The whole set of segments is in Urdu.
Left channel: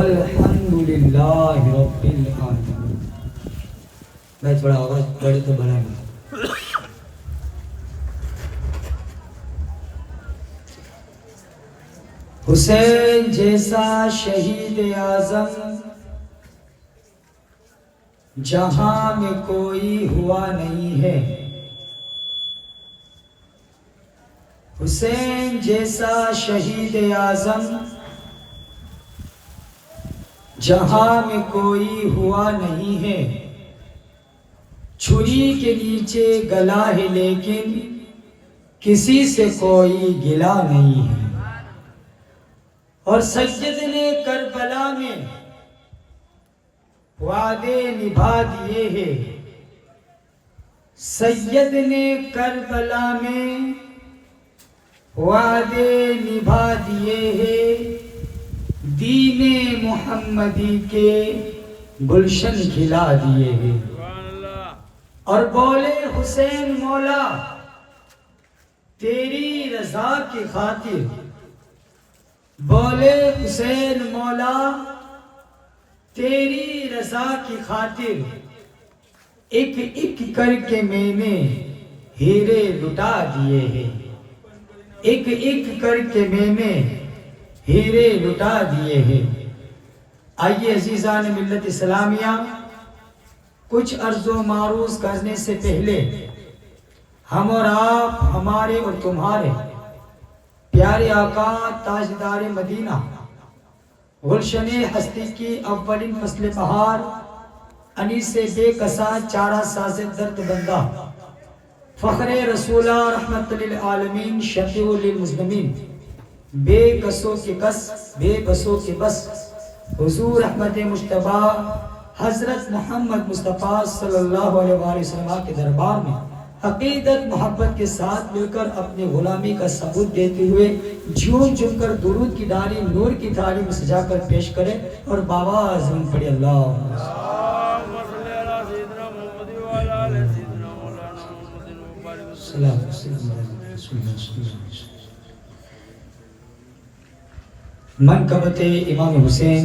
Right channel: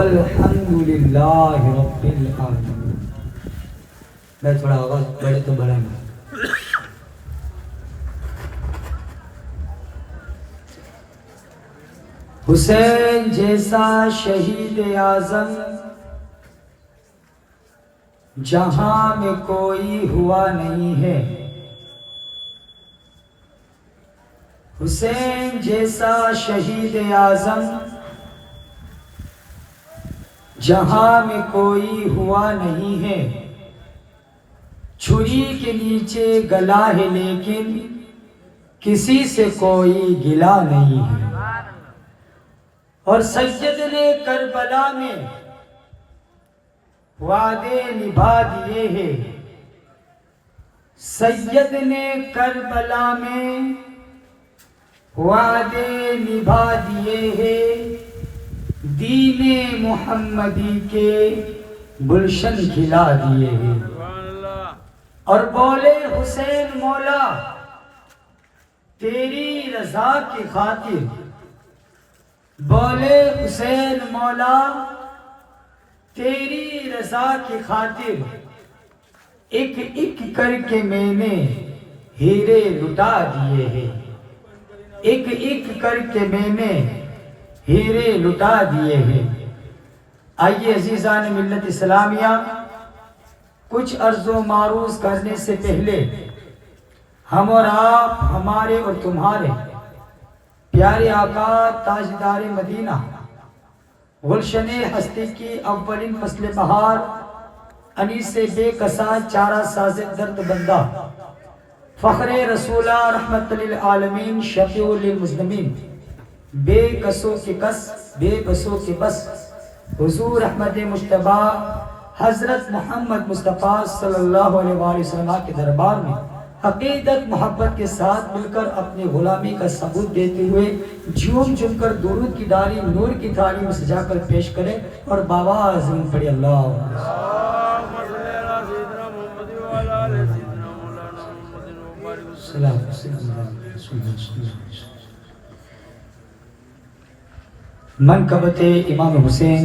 والحمد للہ رب العالمین. میں تھوڑا آواز بڑے تو بڑا نہیں. حسین جیسا شہید اعظم جہاں میں کوئی ہوا نہیں ہے. حسین جیسا شہید اعظم جہاں میں کوئی ہوا نہیں ہے. چھری کے نیچے گلا ہے لیکن کسی سے کوئی گلا نہیں ہے. اور سید نے کربلا میں وعدے نبھا دیے ہیں. سید نے کربلا میں وعدے نبھا دیے ہیں. دین محمدی کے گلشن کھلا دیے ہیں. اور بولے حسین مولا تیری رضا کی خاطر. بولے حسین مولا تیری رضا کی خاطر ایک ایک کر کے میں نے ہیرے لٹا دیے ہیں. ایک ایک کر کے میں نے ہیرے لٹا دیے ہیں. آئیے عزیزان ملت اسلامیہ، کچھ عرض و معروض کرنے سے پہلے ہم اور آپ، ہمارے اور تمہارے پیارے آقا تاجدار مدینہ، گلشن ہستی کی اولین فصل بہار، انیس بے کسا چارہ ساز درد بندہ، فخر رسولہ رحمت للعالمین شفیع للمذنبین، بے کسوں کے کس بے بسوں کے بس، حضور احمد مجتبیٰ حضرت محمد مصطفیٰ صلی اللہ علیہ وسلم کے دربار میں عقیدت محبت کے ساتھ مل کر اپنے غلامی کا ثبوت دیتے ہوئے جھوم جھوم کر درود کی ڈالی نور کی تھالی میں سجا کر پیش کریں اور باواز میں پڑھی اللہ منقبت امام حسین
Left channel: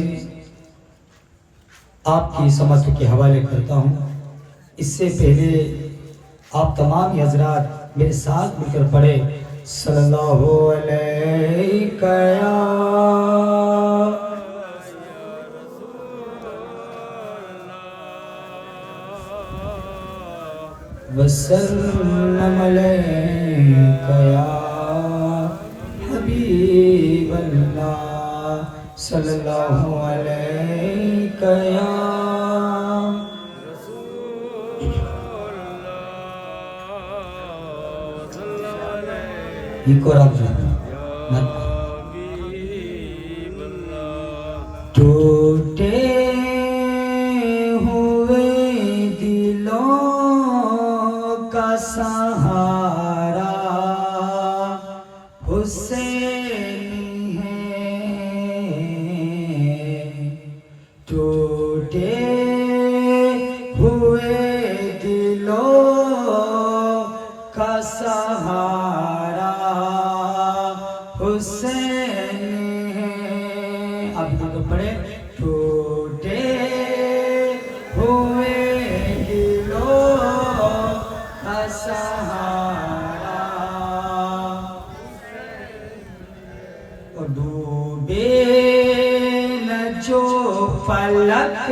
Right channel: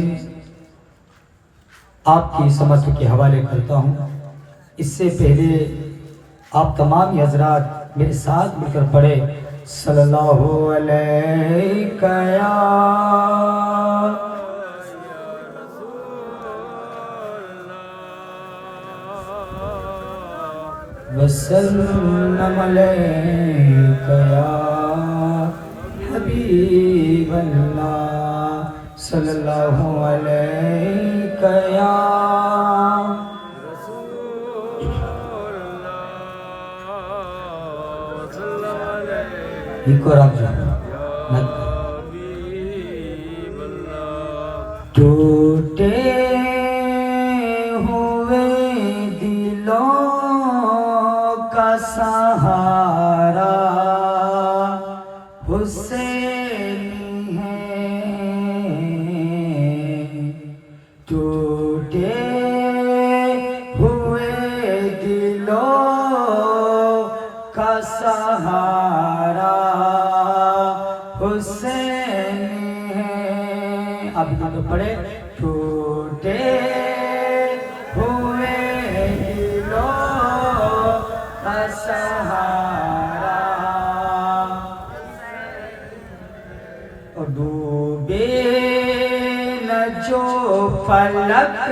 آپ کی سمت کے حوالے کرتا ہوں. اس سے پہلے آپ تمام حضرات میرے ساتھ مل کر پڑھے صلی اللہ علیہ وسلم علیک یا حبیب اللہ صلی اللہ علیک یا ٹوٹے ہوئے دلوں کا سہارا حسین ہے. ٹوٹے ہوئے دلوں کا سہارا حسین ہے. اب یہاں پہ پڑھے ٹوٹے ہوئے دلوں کا سہارا اور ڈوبے نہ جو فلک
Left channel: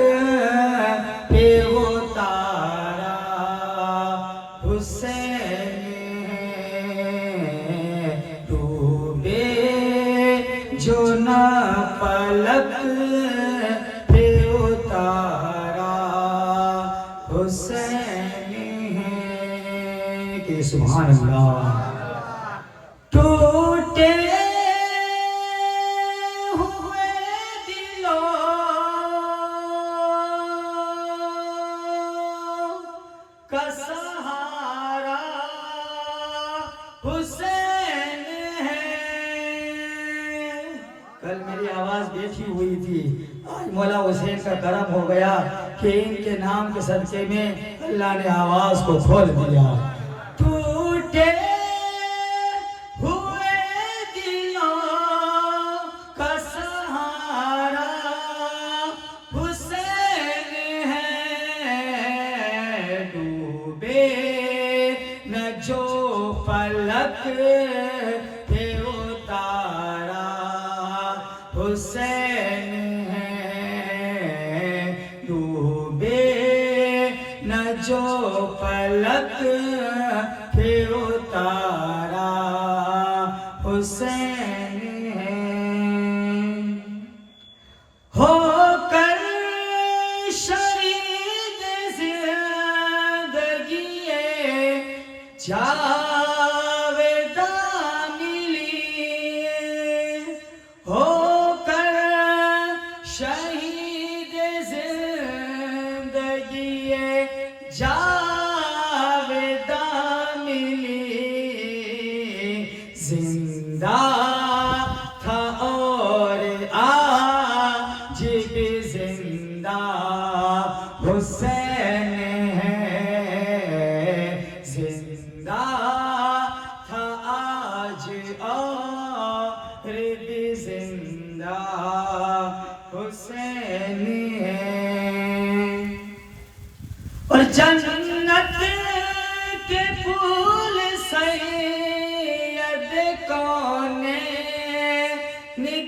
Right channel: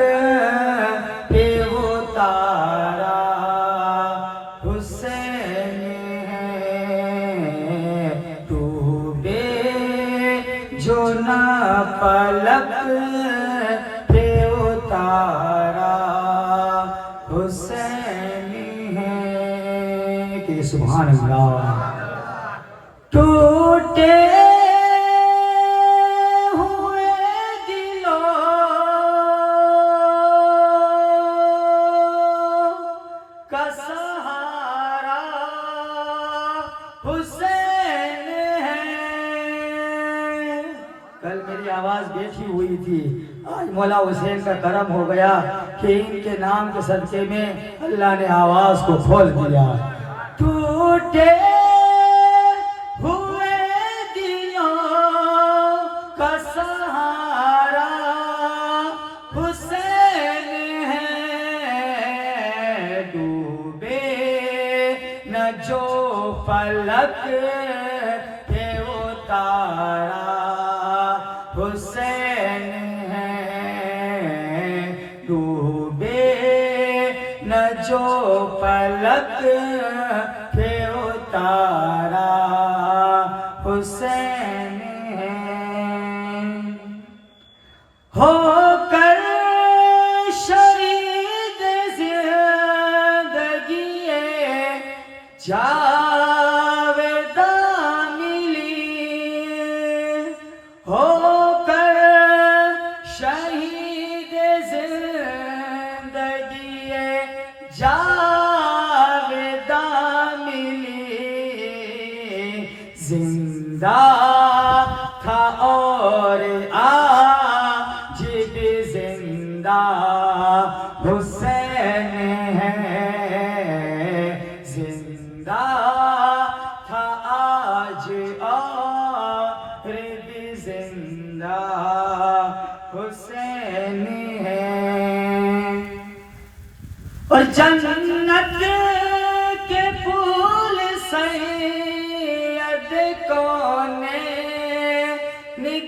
پہ وہ تارا حسین ہے. ڈوبے جو نہ فلک پہ وہ تارا حسین ہے. کہ سبحان اللہ. ٹوٹے سہارا حسین ہے. کل میری آواز بیٹھی ہوئی تھی، آج مولا حسین کا کرم ہو گیا کہ ان کے نام کے صدقے میں اللہ نے آواز کو کھول دیا. ٹوٹے ہوئے دلوں کا سہارا فلک پہ اتارا حسین ہے ڈوبے نہ جو فلک پہ اتارا حسین ہے ہو کر شہید زندگی جاویداں ملی ہو کر شہید زندگی جاویداں ملی زندہ تھا اور آج بھی زندہ حسین ہے زندہ تھا آج اور بھی زندہ حسین ہے اور جنت کے پھول سید کونین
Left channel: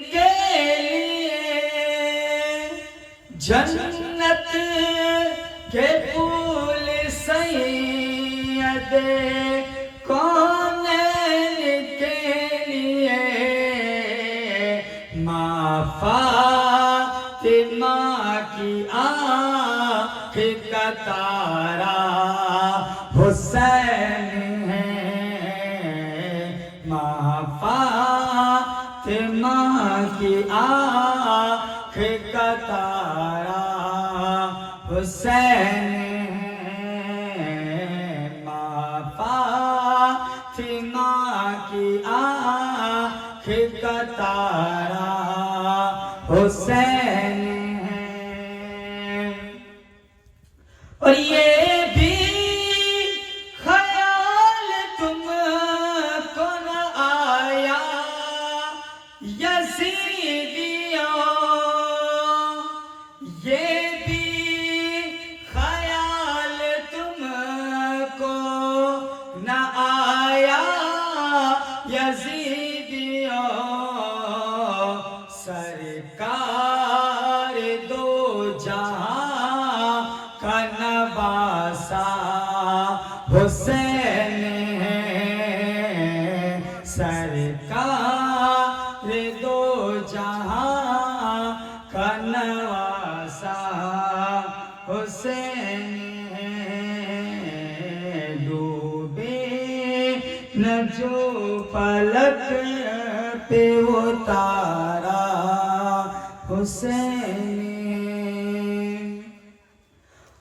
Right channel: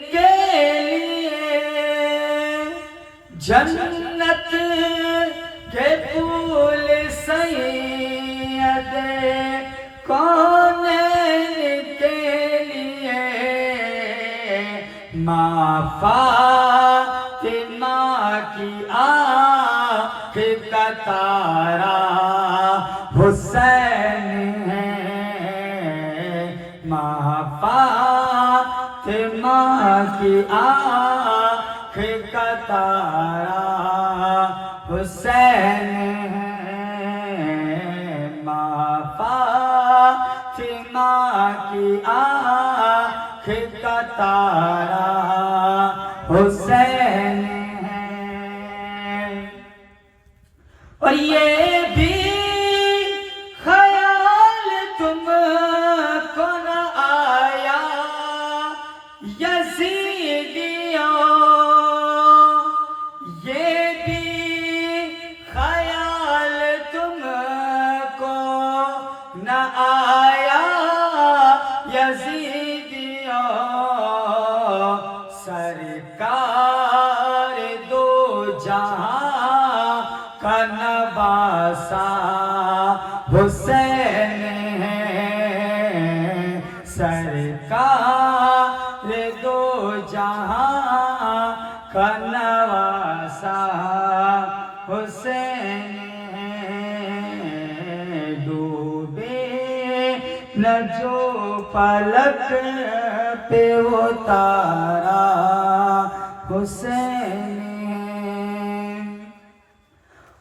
کے لیے جنت کے پھول سید کونین کے لیے ماں فاطمہ کی آنکھ کا تارا حسین ہے ماں فاطمہ کی آنکھ کا تارا حسین ہے ماں فاطمہ کی آنکھ کا تارا حسین ہے اور یہ بھی خیال تم کو نہ آیا یزیدیوں یہ بھی خیال تم کو نہ آیا یزیدیوں سرکار دو جہاں کا نواسا حسین ہے سرکار دو جہاں کا نواسا حسین ہے ڈوبے نہ جو فلک پہ اتارا حسین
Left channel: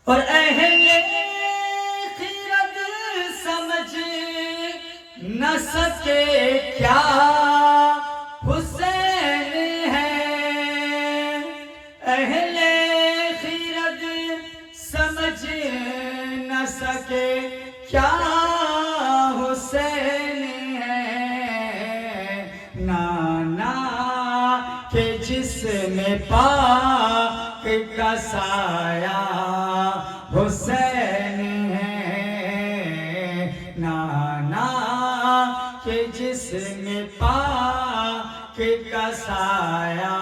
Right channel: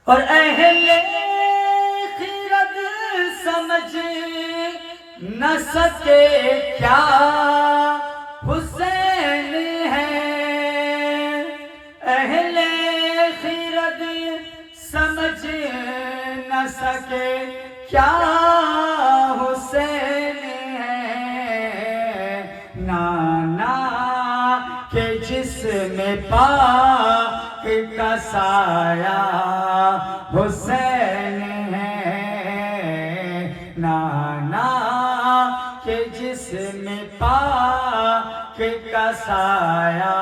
اور اہل خرد سمجھ نہ سکے کیا حسین ہے اہل خرد سمجھ نہ سکے کیا حسین ہے نانا کے جسم پاک کا سایہ حسین ہے نانا کے جسم پاک کا سایہ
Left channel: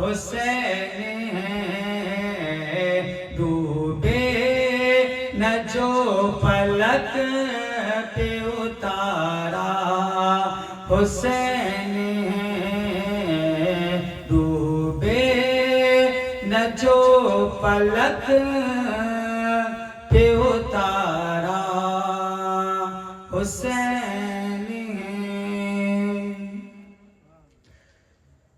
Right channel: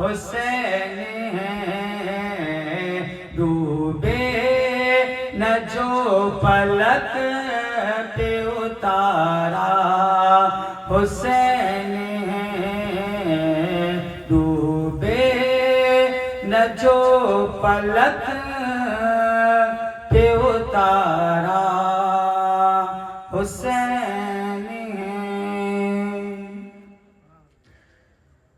حسین ہے ڈوبے نہ جو فلک پہ اتارا حسین ہے ڈوبے نہ جو فلک پہ اتارا حسین ہے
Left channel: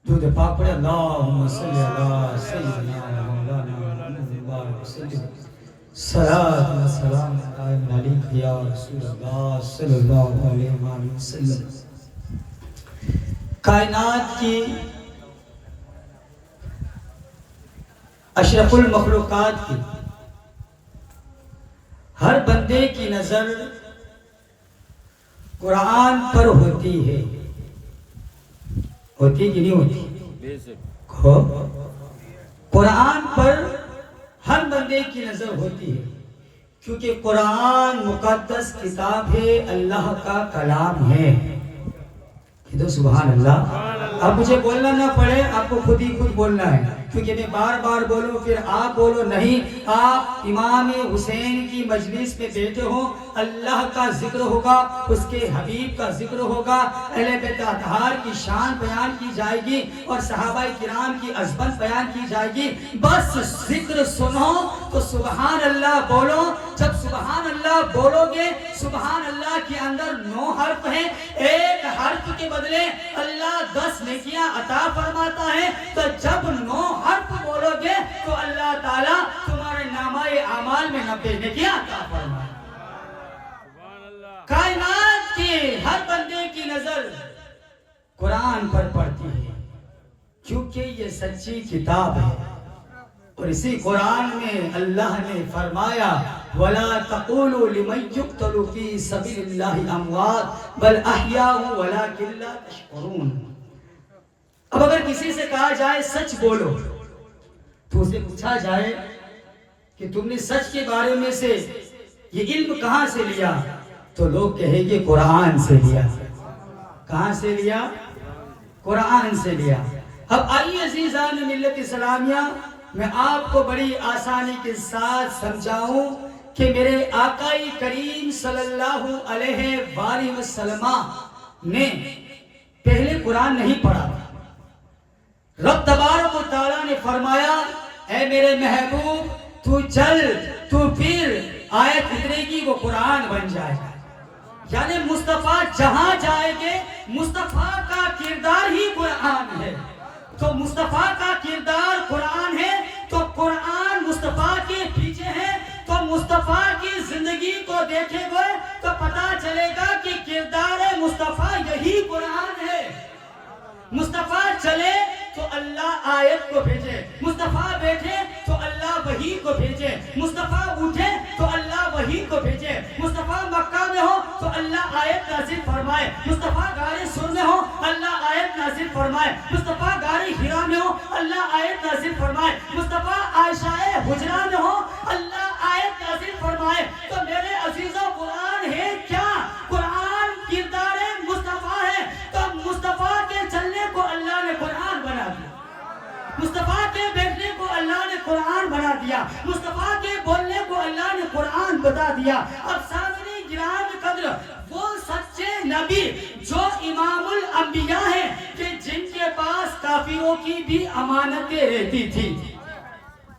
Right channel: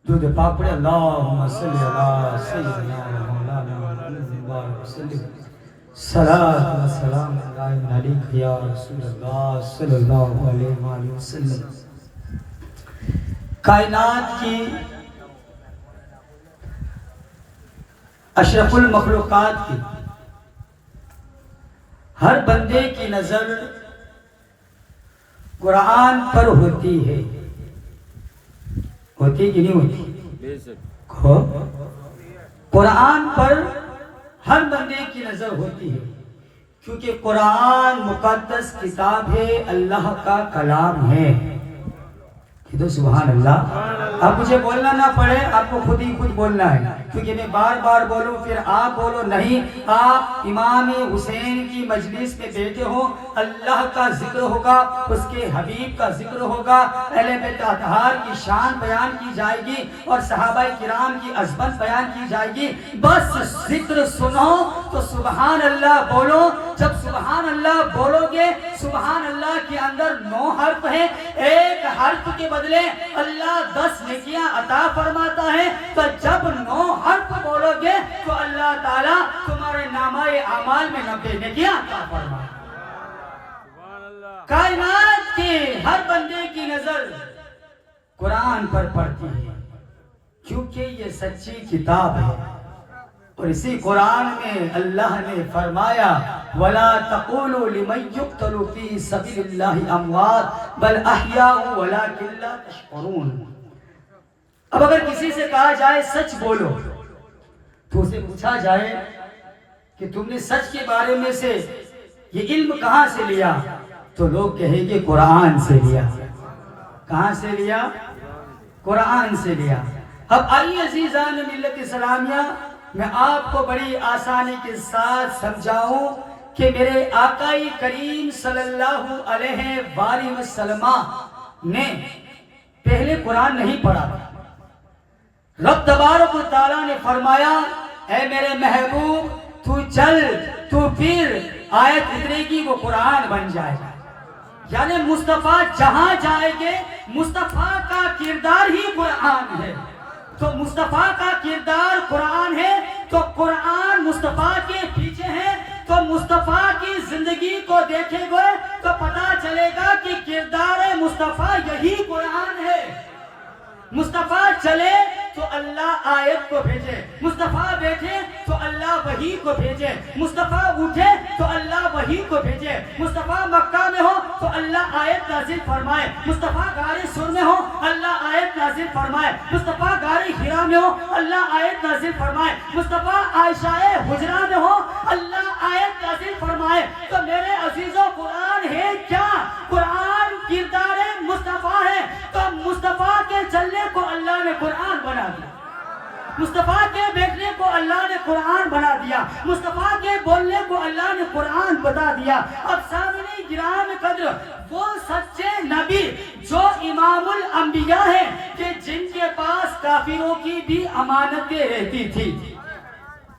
درود پاک پڑھے اللہم صلی علی سیدنا مولانا محمد وسلم صلاۃ و سلام علیک یا رسول اللہ صلی اللہ علیہ وآلہ وسلم کائنات کی اشرف المخلوقات کی ہر بندے کی نظر قرآن پر ہوتی ہے ہوتی کہ نہیں ہوتی قرآن پر ہر بندے کی نظر ہوتی ہے کیونکہ قرآن مقدس کتاب ہے، اللہ کا کلام ہے۔ تو سبحان اللہ۔ اب مجھے بولنا نہ پڑے، آپ کو خود ہی خود بولنا ہے، کیونکہ میں بار بار بولوں پھر آپ بولو نہیں۔ آپ امام حسین کی مجلس میں بیٹھے ہو، اللہ کا ذکر ہوگا، اس کے حبیب کا ذکر ہوگا، اہل بیت اطہار کی شان بیان کی جائے گی اور صحابہ کرام کی عظمت بیان کی جائے گی۔ بس ذکر سنو تو سبحان اللہ بولو۔ جب سبحان اللہ بولو گے، سبحان اللہ کے اندر 9 حرف ہیں، ایک حرف کے بدلے اللہ 10 نیکیاں عطا فرماتا ہے۔ تو جب 9 حرف بولو گے تو اللہ تعالیٰ تمہارے نامہ اعمال میں 90 نیکیاں عطا فرماتا ہے۔ کائنات کے ہر بندے کی نظر قرآن پر پڑتی ہے، کیونکہ یہ سچی کتاب ہے۔ اور اسی قرآن میں اللہ نے فرمایا وَلَا تَقُولُوا لِمَنْ يُقْتَلُ فِي سَبِيلِ اللَّهِ أَمْوَاتٌ بَلْ أَحْيَاءٌ وَلَكِنْ لَا تَشْعُرُونَ۔ اب اگر کسی سے کہا جائے سچ بولو، تو اسے پوچھا جائے کہ تم نے سچ کے بارے میں سے یہ علم کہاں سے لیا، تو لوگ کہیں گے قرآن سے لیا۔ کہاں سے لیا؟ قرآن سے لیا۔ اب آئیے عزیزان ملت اسلامیہ، میں آپ کو بڑی آسانی کے ساتھ سمجھاؤں کہ میرے آقائی کریم صلی اللہ علیہ وآلہ وسلم نے پہلے قرآن نہیں پڑھا۔ رب تبارک و تعالیٰ نے فرمایا اے میرے محبوب تو چل، تو پھر آیت اترے گی وہ قرآن بن جائے گا۔ یعنی مصطفیٰ جہاں جائے گے، مصطفیٰ کا کردار ہی قرآن ہے۔ تو مصطفیٰ کا کردار قرآن ہے، تو قرآن مصطفیٰ کے پیچھے ہے۔ تو مصطفیٰ کی زندگی کو دیکھیں گے تو پتا چلے گا کہ کردار مصطفیٰ یہی قرآن ہے۔ مصطفیٰ چلے تو اللہ آیت کو بھیجے، مصطفیٰ بیٹھے تو اللہ وحی کو بھیجے، مصطفیٰ اٹھے تو اللہ وحی کو بھیجے، مصطفیٰ مکہ میں ہو تو اللہ آیت نازل فرمائے، مصطفیٰ غار سور میں ہو اللہ آیت نازل فرمائے، مصطفیٰ غار حرا میں ہو اللہ آیت نازل فرمائے، مصطفیٰ عائشہ حجرہ میں ہو اللہ آیت نازل فرمائے۔ تو میرے عزیزوں قرآن ہے کیا؟ قرآن کردار مصطفیٰ ہے۔ تو مصطفیٰ کے چلنے کو اللہ نے قرآن بنا دیا، مصطفیٰ کے بیٹھنے کو اللہ نے قرآن بنا دیا، مصطفیٰ کے بولنے کو اللہ نے قرآن بتا دیا۔ اب سامنے گرام قدر وہ سچے نبی جو امام الانبیاء ہیں کہ جن کے پاس کافروں کی بھی امانتیں رہتی تھی۔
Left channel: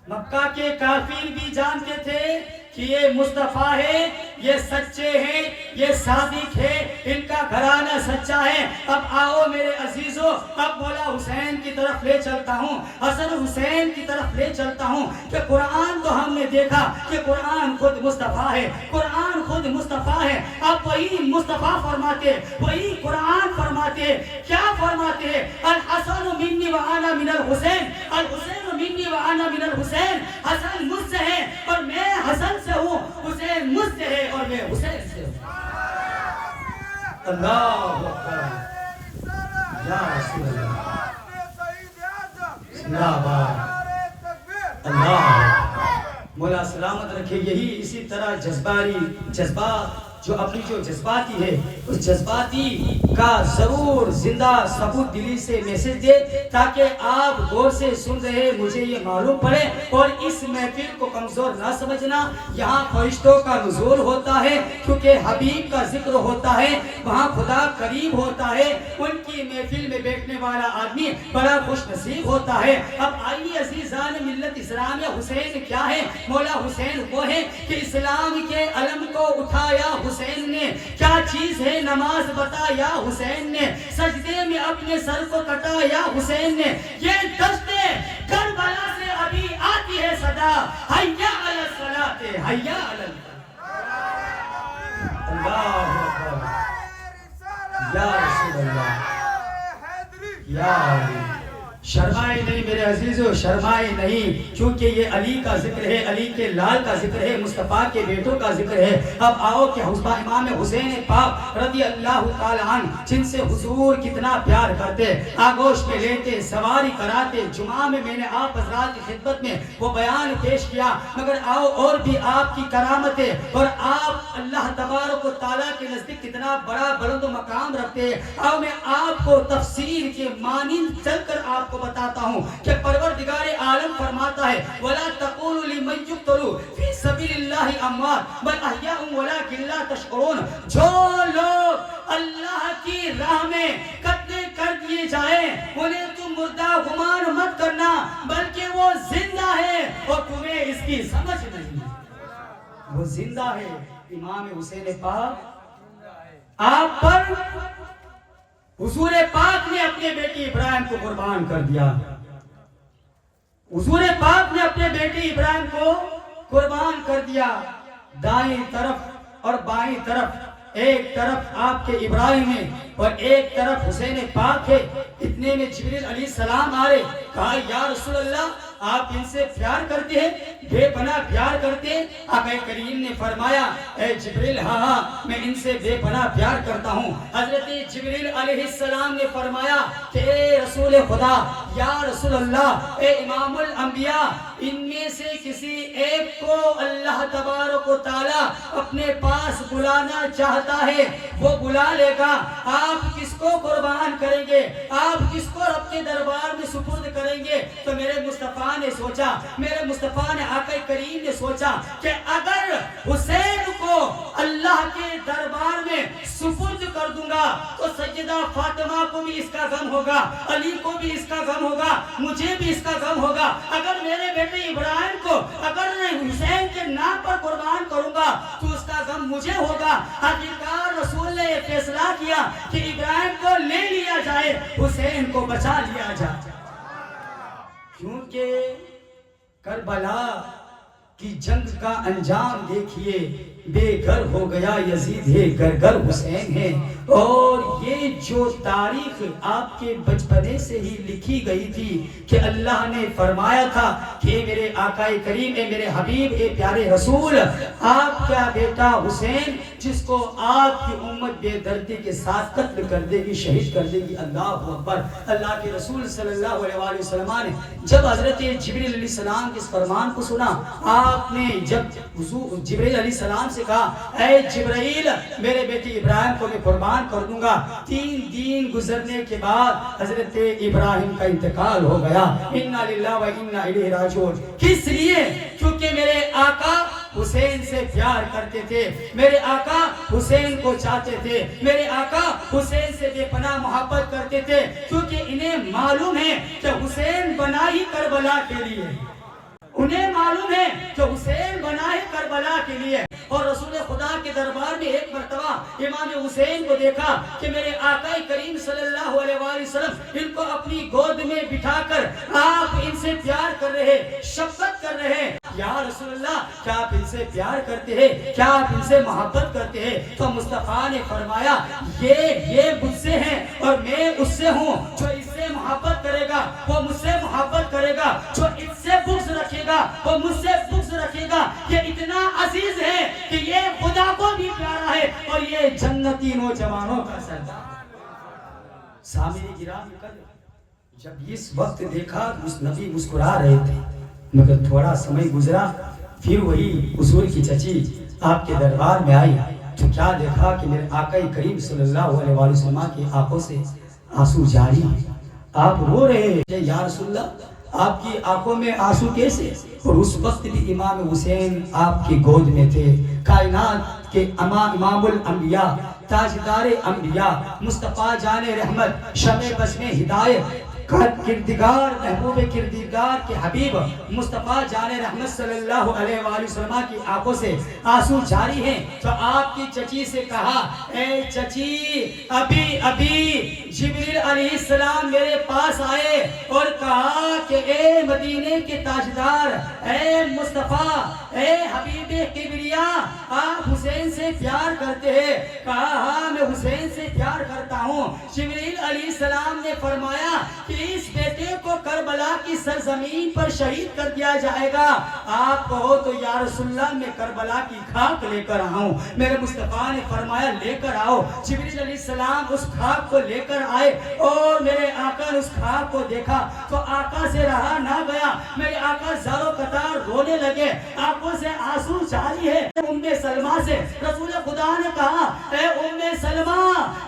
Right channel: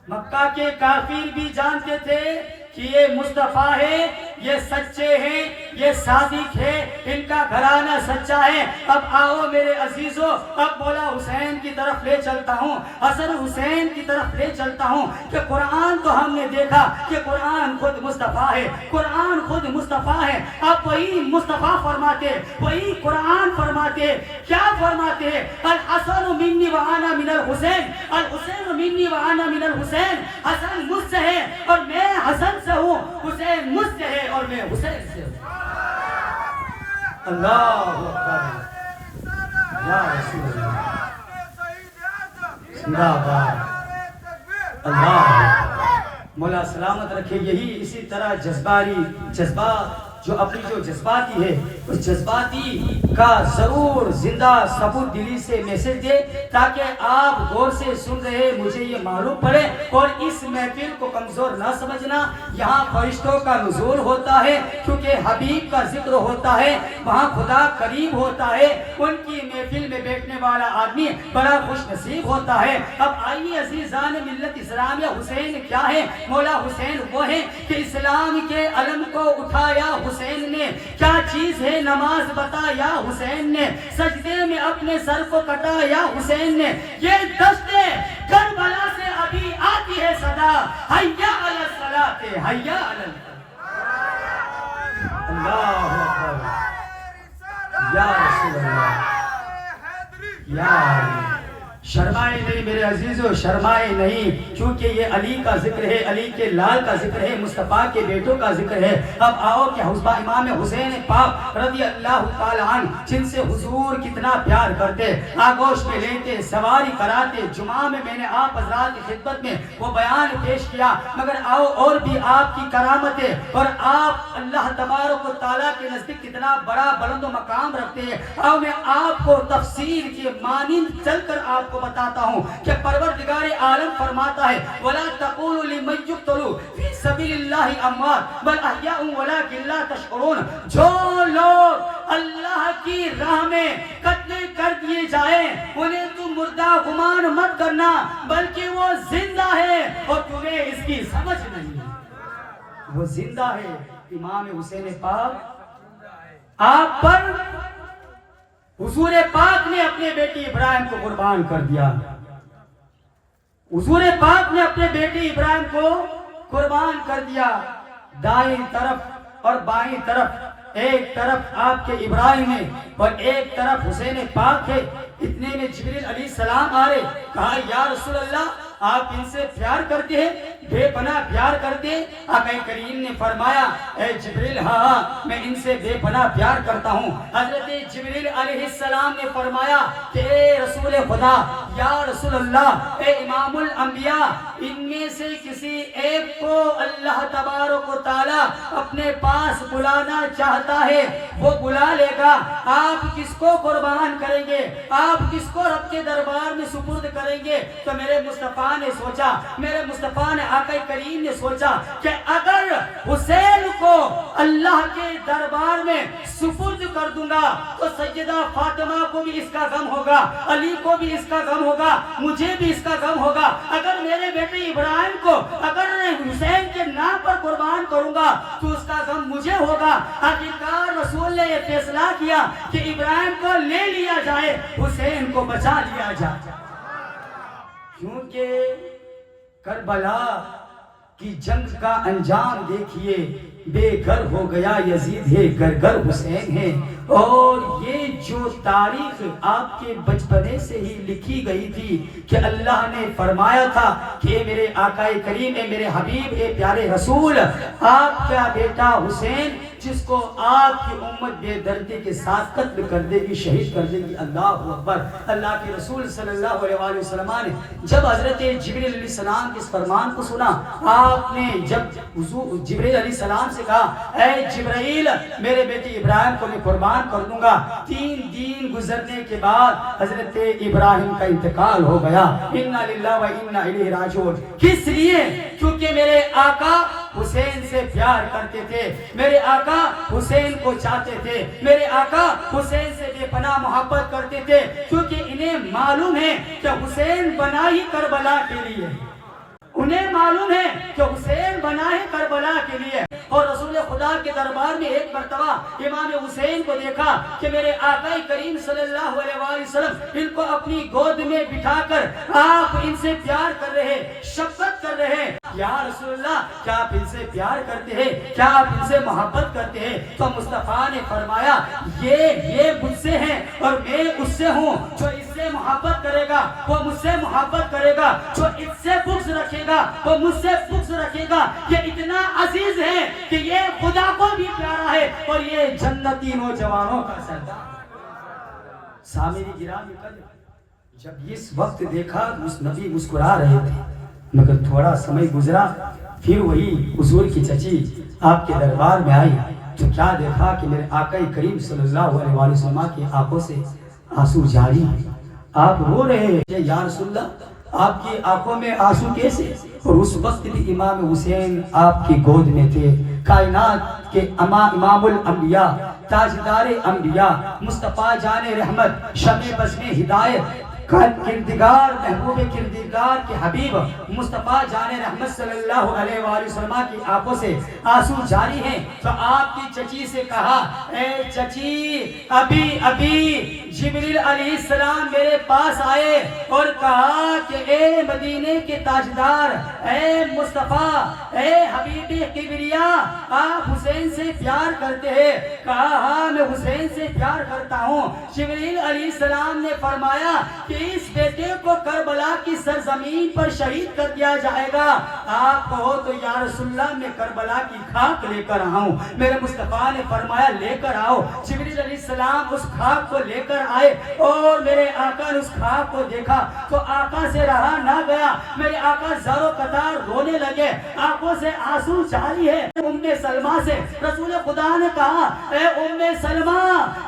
مکہ کے کافر بھی جانتے تھے کہ یہ مصطفیٰ ہے، یہ سچے ہیں، یہ صادق ہے، ان کا گھرانہ سچا ہے۔ اب آؤ میرے عزیزوں، اب مولا حسین کی طرف لے چلتا ہوں، حسن حسین کی طرف لے چلتا ہوں کہ قرآن تو ہم نے دیکھا کہ قرآن خود مصطفیٰ ہے، قرآن خود مصطفیٰ ہے۔ اب وہی مصطفیٰ فرماتے، وہی قرآن فرماتے، کیا فرماتے ہیں؟ الحسن منی وانا من الحسین، الحسین منی وانا من الحسین۔ حسن مجھ سے ہے اور میں حسن سے ہوں، حسین مجھ سے ہے اور میں حسین سے ہوں۔ اللہ اکبر، یا رسول اللہ، زندہ باد، اللہ مولا سلامت رکھے۔ یہی اسی طرح جذبات جو اپنی جو جذباتی ہے، اس جذباتی کا ضرور زندہ ثبوت دلی سے میسج دے، تاکہ آپ غور سے سن رہے مجھے یہ معلوم پڑے۔ اور اس محفل کو کمزور نہ سمجھنا، یہاں فرشتوں کا نزول ہوتا ہے، کیونکہ حبیب کا ذکر ہوتا ہے، وہاں خدا قریب ہوتا ہے۔ ان کی محفل میں بیٹھنے والا آدمی بڑا خوش نصیب ہوتا ہے۔ اب آئیے عزیزان ملت اسلامیہ، حسین کیا ہے؟ مولا حسین وہ ہے کہ اسلام کے علم کو اٹھایا حسین نے۔ کیا چیز ہے نماز بتایا حسین نے، سجدے میں اپنے سر کو کٹایا حسین نے۔ یہ دشت کربلا سے ابھی آتی ہے صدا، حیا علی الصلاۃ حیا علی اللہ اکبر، یا رسول اللہ، یا علی۔ شرمائے نہیں میرے میرے عزیزو شرمائے نہیں، کیونکہ یہ علی کا ذکر ہے، علی کے لال کا ذکر ہے، مصطفیٰ کے بیٹوں کا ذکر ہے۔ اب آؤ کہ امام حسین پاک رضی اللہ تعالیٰ عنہ جن سے حضور کتنا پیار کرتے، آگوش پہ لیتے، سواری کراتے، جمعہ میں نے آپ حضرات کی خدمت میں وہ بیان پیش کیا، مگر آؤ اور بھی آپ کی کرامتیں اور آپ اللہ تبارک و تعالیٰ کے نزدیک کتنا بڑا بلند و مقام رکھتے ہیں۔ آؤ میں آپ کو تفسیر کے مانند چل کر آپ کو بتاتا ہوں کہ پروردگار عالم فرماتا ہے وَلَا تَقُولُوا لِمَنْ يُقْتَلُ فِي سَبِيلِ اللَّهِ أَمْوَاتٌ بَلْ أَحْيَاءٌ وَلَٰكِن لَّا تَشْعُرُونَ، جو لوگ اللہ کی راہ میں قتل کر دیے جائیں انہیں تم مردہ گمان مت کرنا، بلکہ وہ زندہ ہے اور تمہیں اس کی سمجھ نہیں، وہ زندہ ہے۔ امام حسین پاک آپ پر حضور پاک نے اپنے بیٹی ابراہیم کو قربان کر دیا، حضور پاک نے اپنے بیٹی ابراہیم کو قربان کر دیا۔ دائیں طرف اور بائیں طرف، ایک طرف آپ کے ابراہیم ہے اور ایک طرف حسین پاک ہے۔ اتنے میں جبریل علیہ السلام آ رہے، کہا یا رسول اللہ آپ ان سے پیار کرتے ہیں، بے پناہ پیار کرتے ہیں؟ آقا کریم نے فرمایا اے جبریل ہاں میں ان سے بے پناہ پیار کرتا ہوں۔ حضرت جبریل علیہ السلام نے فرمایا کہ اے رسول خدا، یا رسول اللہ، اے امام الانبیاء، ان میں سے کسی ایک کو اللہ تبارک و تعالی اپنے پاس بلانا چاہتا ہے وہ بلا لے گا۔ آپ کس کو قربان کریں گے؟ آپ کس کو رب کے دربار میں سپرد کریں گے؟ تو میرے مصطفیٰ نے سوچا، میرے مصطفیٰ نے آقا کریم نے سوچا کہ اگر حسین کو اللہ کے دربار میں سپرد کر دوں گا تو سیدہ فاطمہ کو بھی اس کا غم ہوگا، علی کو بھی اس کا غم ہوگا، مجھے بھی اس کا غم ہوگا۔ اگر میرے بیٹے ابراہیم کو اگر حسین کے نام پر قربان کروں گا تو اس کا غم مجھے ہوگا۔ آخرکار رسول نے یہ فیصلہ کیا کہ ابراہیم کو لے لیا جائے، حسین کو بچا لیا جائے، کیونکہ کربلا کی جنگ کا انجام دیکھیے، بے گھر ہو گیا یزید ہے، گھر گھر حسین ہے۔ اور یہ جو تاریخ آپ کے بچپنے سے ہی لکھی گئی تھی کہ اللہ نے فرمایا تھا کہ میرے آقا کریم، اے میرے حبیب، اے پیارے رسول، آپ کا بیٹا حسین جس کو آپ کی امت بے دردی کے ساتھ قتل کر دے گی، شہید کر دے گی۔ اللہ اکبر۔ اللہ کے رسول صلی اللہ علیہ وسلم نے جب حضرت جبریل علیہ السلام کے اس فرمان کو سنا، آپ نے جب جبریل علیہ السلام سے کہا اے جبرائیل میرے بیٹے ابراہیم کو میں قربان کر دوں گا۔ 3 دن گزرنے کے بعد حضرت ابراہیم کا انتقال ہو گیا۔ انا للہ و انا الیہ راجعون۔ کس لیے؟ کیونکہ میرے آقا حسین سے پیار کرتے تھے، میرے آقا حسین کو چاہتے تھے، میرے آقا حسین سے بے پناہ محبت کرتے تھے، کیونکہ انہیں معلوم ہے کہ حسین بنا ہی کربلا کے لیے، انہیں معلوم ہے کہ حسین بنا ہے کربلا کے لیے۔ اور رسول خدا کے دربار میں ایک مرتبہ امام حسین کو دیکھا کہ میرے آقا کریم صلی اللہ علیہ وسلم ان کو اپنی گود میں بٹھا کر آپ ان سے پیار کر رہے، شفقت کر رہے۔ یا رسول اللہ کیا آپ ان سے پیار کرتے ہیں؟ کیا آپ ان سے محبت کرتے ہیں؟ تو مصطفیٰ نے فرمایا یہ مجھ سے ہیں اور میں اس سے ہوں، جو اس سے محبت کرے گا وہ مجھ سے محبت کرے گا، جو اس سے بغض رکھے گا وہ مجھ سے بغض رکھے گا۔ یہ اتنا عزیز ہے کہ یہ خدا کو بھی پیارا ہے اور یہ جنتی نوجوانوں کا سردار۔ سامعین گرامی، جب اس وقت دیکھا اس نبی مسکرا رہے تھے، مگر تھوڑا سمے گزرا پھر وہی حضور کی چچی آپ کے دربار میں آئی تو کیا دیکھا کہ میرے آقا کریم صلی اللہ علیہ وسلم کی آنکھوں سے آنسو جاری ہیں، آپ رو رہے ہیں۔ یا رسول اللہ آپ کی آنکھوں میں آنسو کیسے؟ اور اس وقت بھی امام حسین آپ کی گود میں تھے، کائنات کے امام الانبیاء، تاجدار انبیاء، مصطفیٰ جان رحمت، شمع بزم ہدایت، کردگار محبوب کردگار کے حبیب مصطفیٰ جان رحمت صلی اللہ علیہ وآلہ وسلم کی آنکھوں سے آنسو جاری ہیں۔ تو آپ کی چچی سے کہا اے چچی، ابھی جبریل علیہ السلام میرے پاس آئے اور کہا کہ اے مدینے کے تاجدار، اے مصطفیٰ، اے حبیب کبریا، آپ حسین سے پیار کرتے ہیں؟ کہا ہاں میں حسین سے پیار کرتا ہوں۔ جبریل علیہ السلام نے فرمایا کہ کہ اس بیٹے کو کربلا کی سرزمین پر شہید کر دیا جائے گا، آپ کہو تو یا رسول اللہ میں کربلا کی خاک لے کر آؤں۔ میرے مصطفیٰ نے فرمایا لے کر آؤ۔ جبریل علیہ السلام اس خاک کو لے کر آئے اور میرے آقا نے اس خاک کو دیکھا تو آقا سے رہا نہ گیا۔ میرے آقا زارو قطار رونے لگے، آنکھوں سے آنسو جاری ہے۔ ام سلمہ سے رسول خدا نے کہا اے ام سلمہ،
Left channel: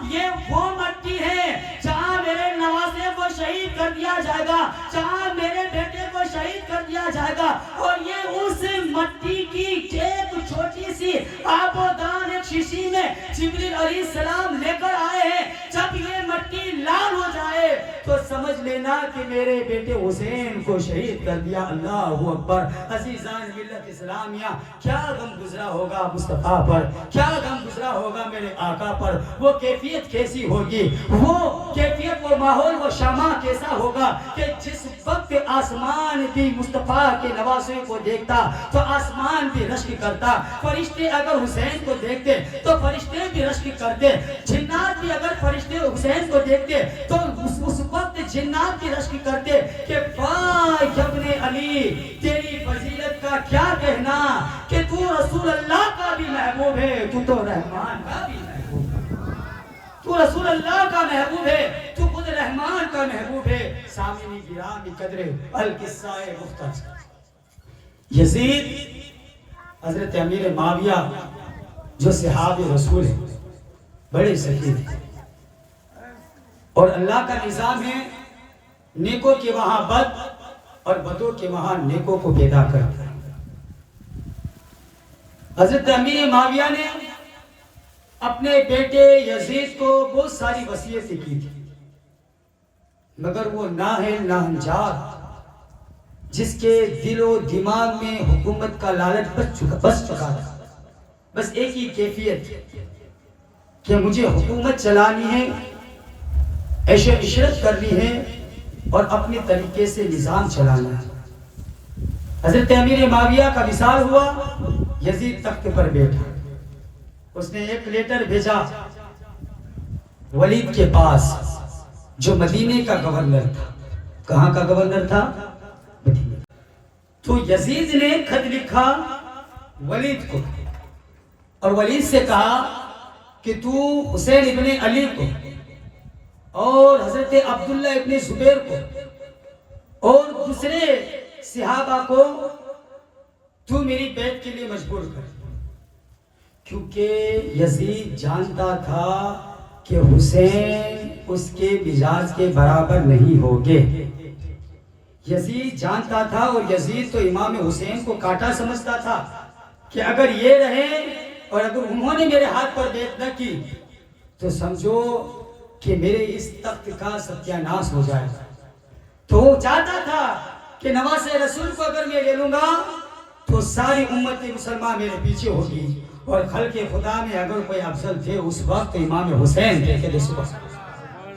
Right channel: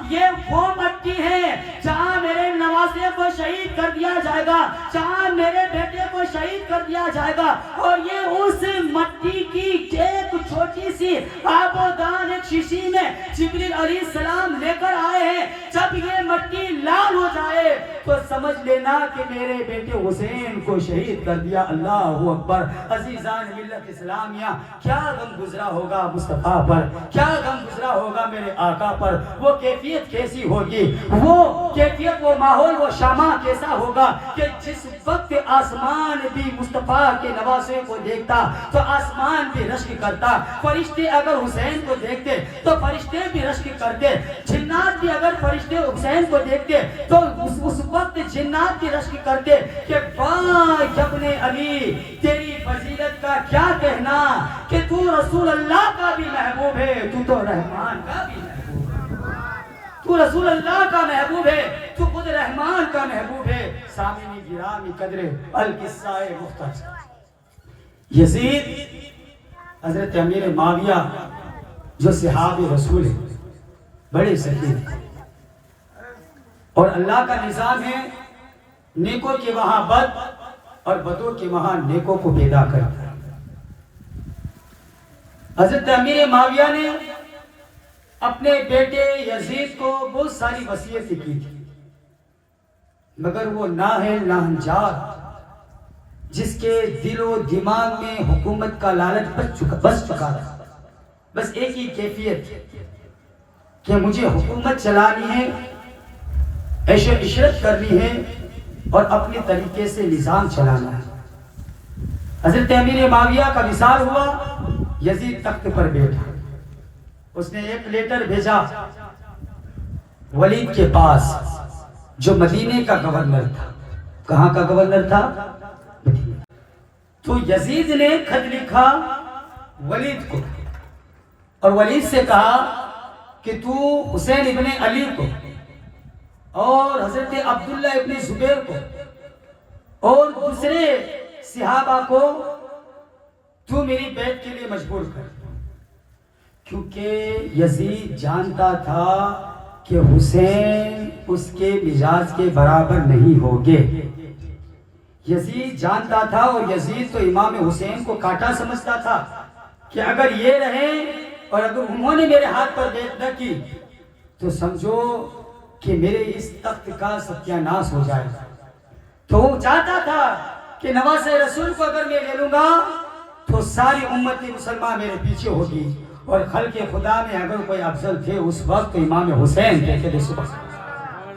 یہ وہ مٹی ہے جہاں میرے نواسے کو شہید کر دیا جائے گا، جہاں میرے بیٹے کو شہید کر دیا جائے گا، اور یہ اس مٹی کی ایک چھوٹی سی آبودان ایک شیشی میں جبریل علیہ السلام لے کر آئے ہیں۔ جب یہ مٹی لال ہو جائے تو سمجھ لینا کہ میرے بیٹے حسین کو شہید کر دیا۔ اللہ اکبر۔ عزیزان ملت اسلامیہ، کیا غم گزرا ہوگا مصطفیٰ پر، کیا غم گزرا ہوگا میرے آقا پر، وہ کیفیت کیسی ہوگی، وہ کیفیت، وہ ماحول، وہ شامہ کیسا ہوگا کہ جس وقت آسمان بھی مصطفیٰ کے نواسے کو دیکھتا تو آسمان بھی رشک کرتا، فرشتے اگر حسین کو دیکھتے تو فرشتے بھی رشک کرتے، جنات بھی اگر فرشتے حسین کو دیکھتے تو اس وقت جنات بھی رشک کرتے کہ واہ ابن علی، تیری فضیلت کا کیا کہنا کہ تو رسول اللہ کا بھی محبوب ہے، تو تو رحمان کا بھی محبوب ہے، تو رسول اللہ کا محبوب ہے، تو خود رحمان کا محبوب ہے۔ سامعین گرامی قدر القصہ مختصر، یزید حضرت امیر معاویہ جو صحابی رسول ہے، بڑے سخی تھے، اور اللہ کا نظام ہے نیکوں کے وہاں بد اور بدوں کے وہاں نیکوں کو پیدا کرتا ہے۔ حضرت امیر معاویہ نے اپنے بیٹے یزید کو بہت ساری وصیتیں کی تھی، مگر وہ نااہل ناہنجار جس کے دل و دماغ میں حکومت کا لالچ بس چکا تھا، بس ایک ہی کیفیت کہ مجھے حکومت چلانی ہے، عیش و عشرت کرنی ہے اور اپنے طریقے سے نظام چلانا ہے۔ حضرت امیر معاویہ کا وصال ہوا، یزید تخت پر بیٹھا، اس نے ایک لیٹر بھیجا ولید کے پاس جو مدینے کا گورنر تھا۔ کہاں کا گورنر تھا؟ مدینے۔ تو یزید نے خط لکھا ولید کو اور ولید سے کہا کہ تو حسین ابن علی کو اور حضرت عبداللہ ابن زبیر کو اور دوسرے صحابہ کو تو میری بیعت کے لیے مجبور کر، کیونکہ یزید جانتا تھا کہ حسین اس کے مزاج کے برابر نہیں ہوگے۔ یزید جانتا تھا، اور یزید تو امام حسین کو کاٹا سمجھتا تھا کہ اگر یہ رہے اور اگر انہوں نے میرے ہاتھ پر بیعت نہ کی تو سمجھو کہ میرے اس تخت کا ستیہ ناش ہو جائے گا۔ تو وہ چاہتا تھا کہ نواز رسول کو اگر میں لے لوں گا تو ساری امت مسلمہ میرے پیچھے ہوگی، اور خلق خدا میں اگر کوئی افضل تھے اس وقت امام حسین تھے۔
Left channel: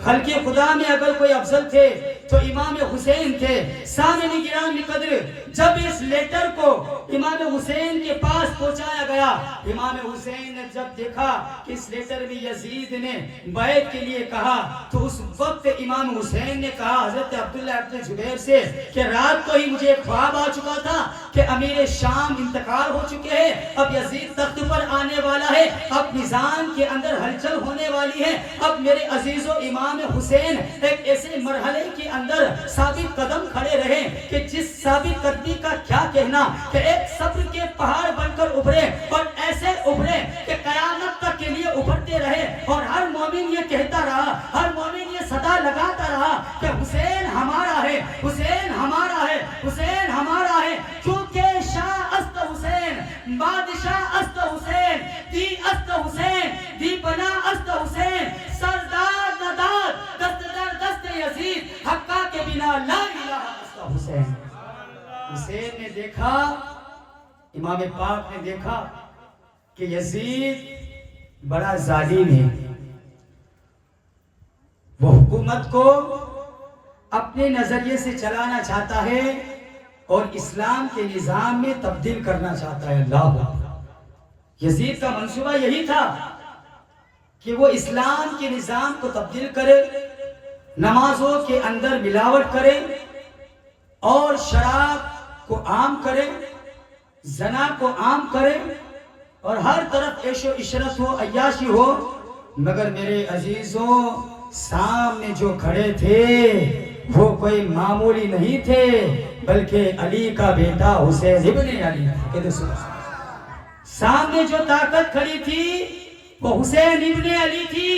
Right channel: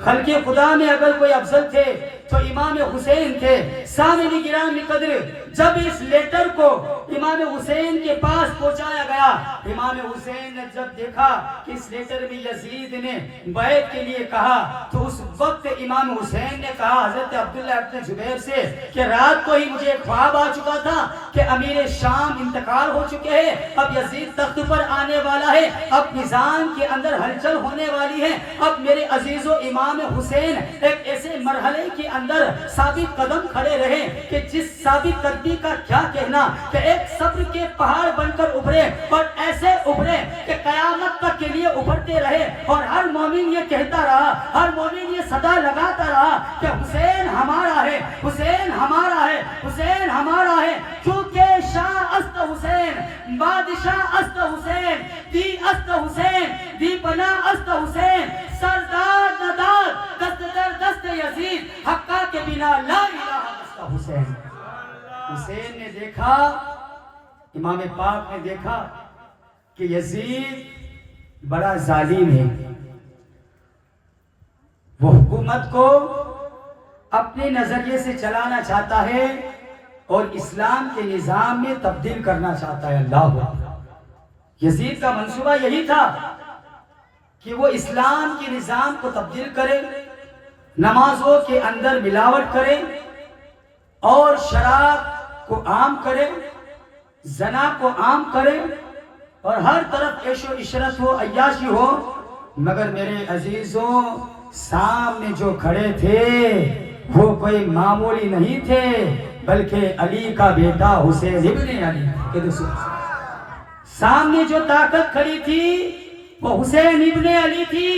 خلق خدا میں اگر کوئی افضل تھے تو امام حسین تھے۔ سامعین گرامی قدر، جب اس لیٹر کو امام حسین کے پاس پہنچایا گیا، امام حسین نے جب دیکھا کہ اس لیٹر میں یزید نے بیعت کے لیے کہا تو اس وقت امام حسین نے کہا حضرت عبداللہ ابن زبیر سے کہ رات کو ہی مجھے ایک خواب آ چکا تھا کہ امیر شام انتقال ہو چکے ہیں، اب یزید تخت پر آنے والا ہے، اب نظام کے اندر ہلچل ہونے والی ہے، اب میرے عزیز و امام حسین ایک ایسے مرحلے کے اندر ثابت قدم کھڑے رہے کہ جس ثابت قدمی کا کیا کہنا کہ ایک صبر کے پہاڑ بن کر ابھرے، اور ایسے ابھرے کہ قیامت تک کے لیے ابھرتے رہے، اور ہر مومن یہ کہتا رہا، ہر مومن یہ صدا لگاتا رہا کہ حسین ہمارا ہے، حسین ہمارا ہے، حسین ہمارا ہے، کیونکہ شاہ است حسین، بادشاہ است حسین، دی است حسین، دی بنا است حسین، سردار ندار دست در دست یزید، حقا کے بنا لا الہ است حسین۔ حسین نے دیکھا، امام پاک نے دیکھا کہ یزید بڑا ظالم ہے، وہ حکومت کو اپنے نظریے سے چلانا چاہتا ہے اور اسلام کے نظام میں تبدیل کرنا چاہتا ہے۔ اللہ، یزید کا منصوبہ یہی تھا کہ وہ اسلام کے نظام کو تبدیل کرے، نمازوں کے اندر ملاوٹ کرے اور شراب کو عام کرے، زنا کو عام کرے اور ہر طرف عیش و عشرت ہو، عیاشی ہو، مگر میرے عزیزوں سامنے جو کھڑے تھے وہ کوئی معمولی نہیں تھے، بلکہ علی کا بیٹا حسین ابن علی، سامنے جو طاقت کھڑی تھی وہ حسین ابن علی تھی،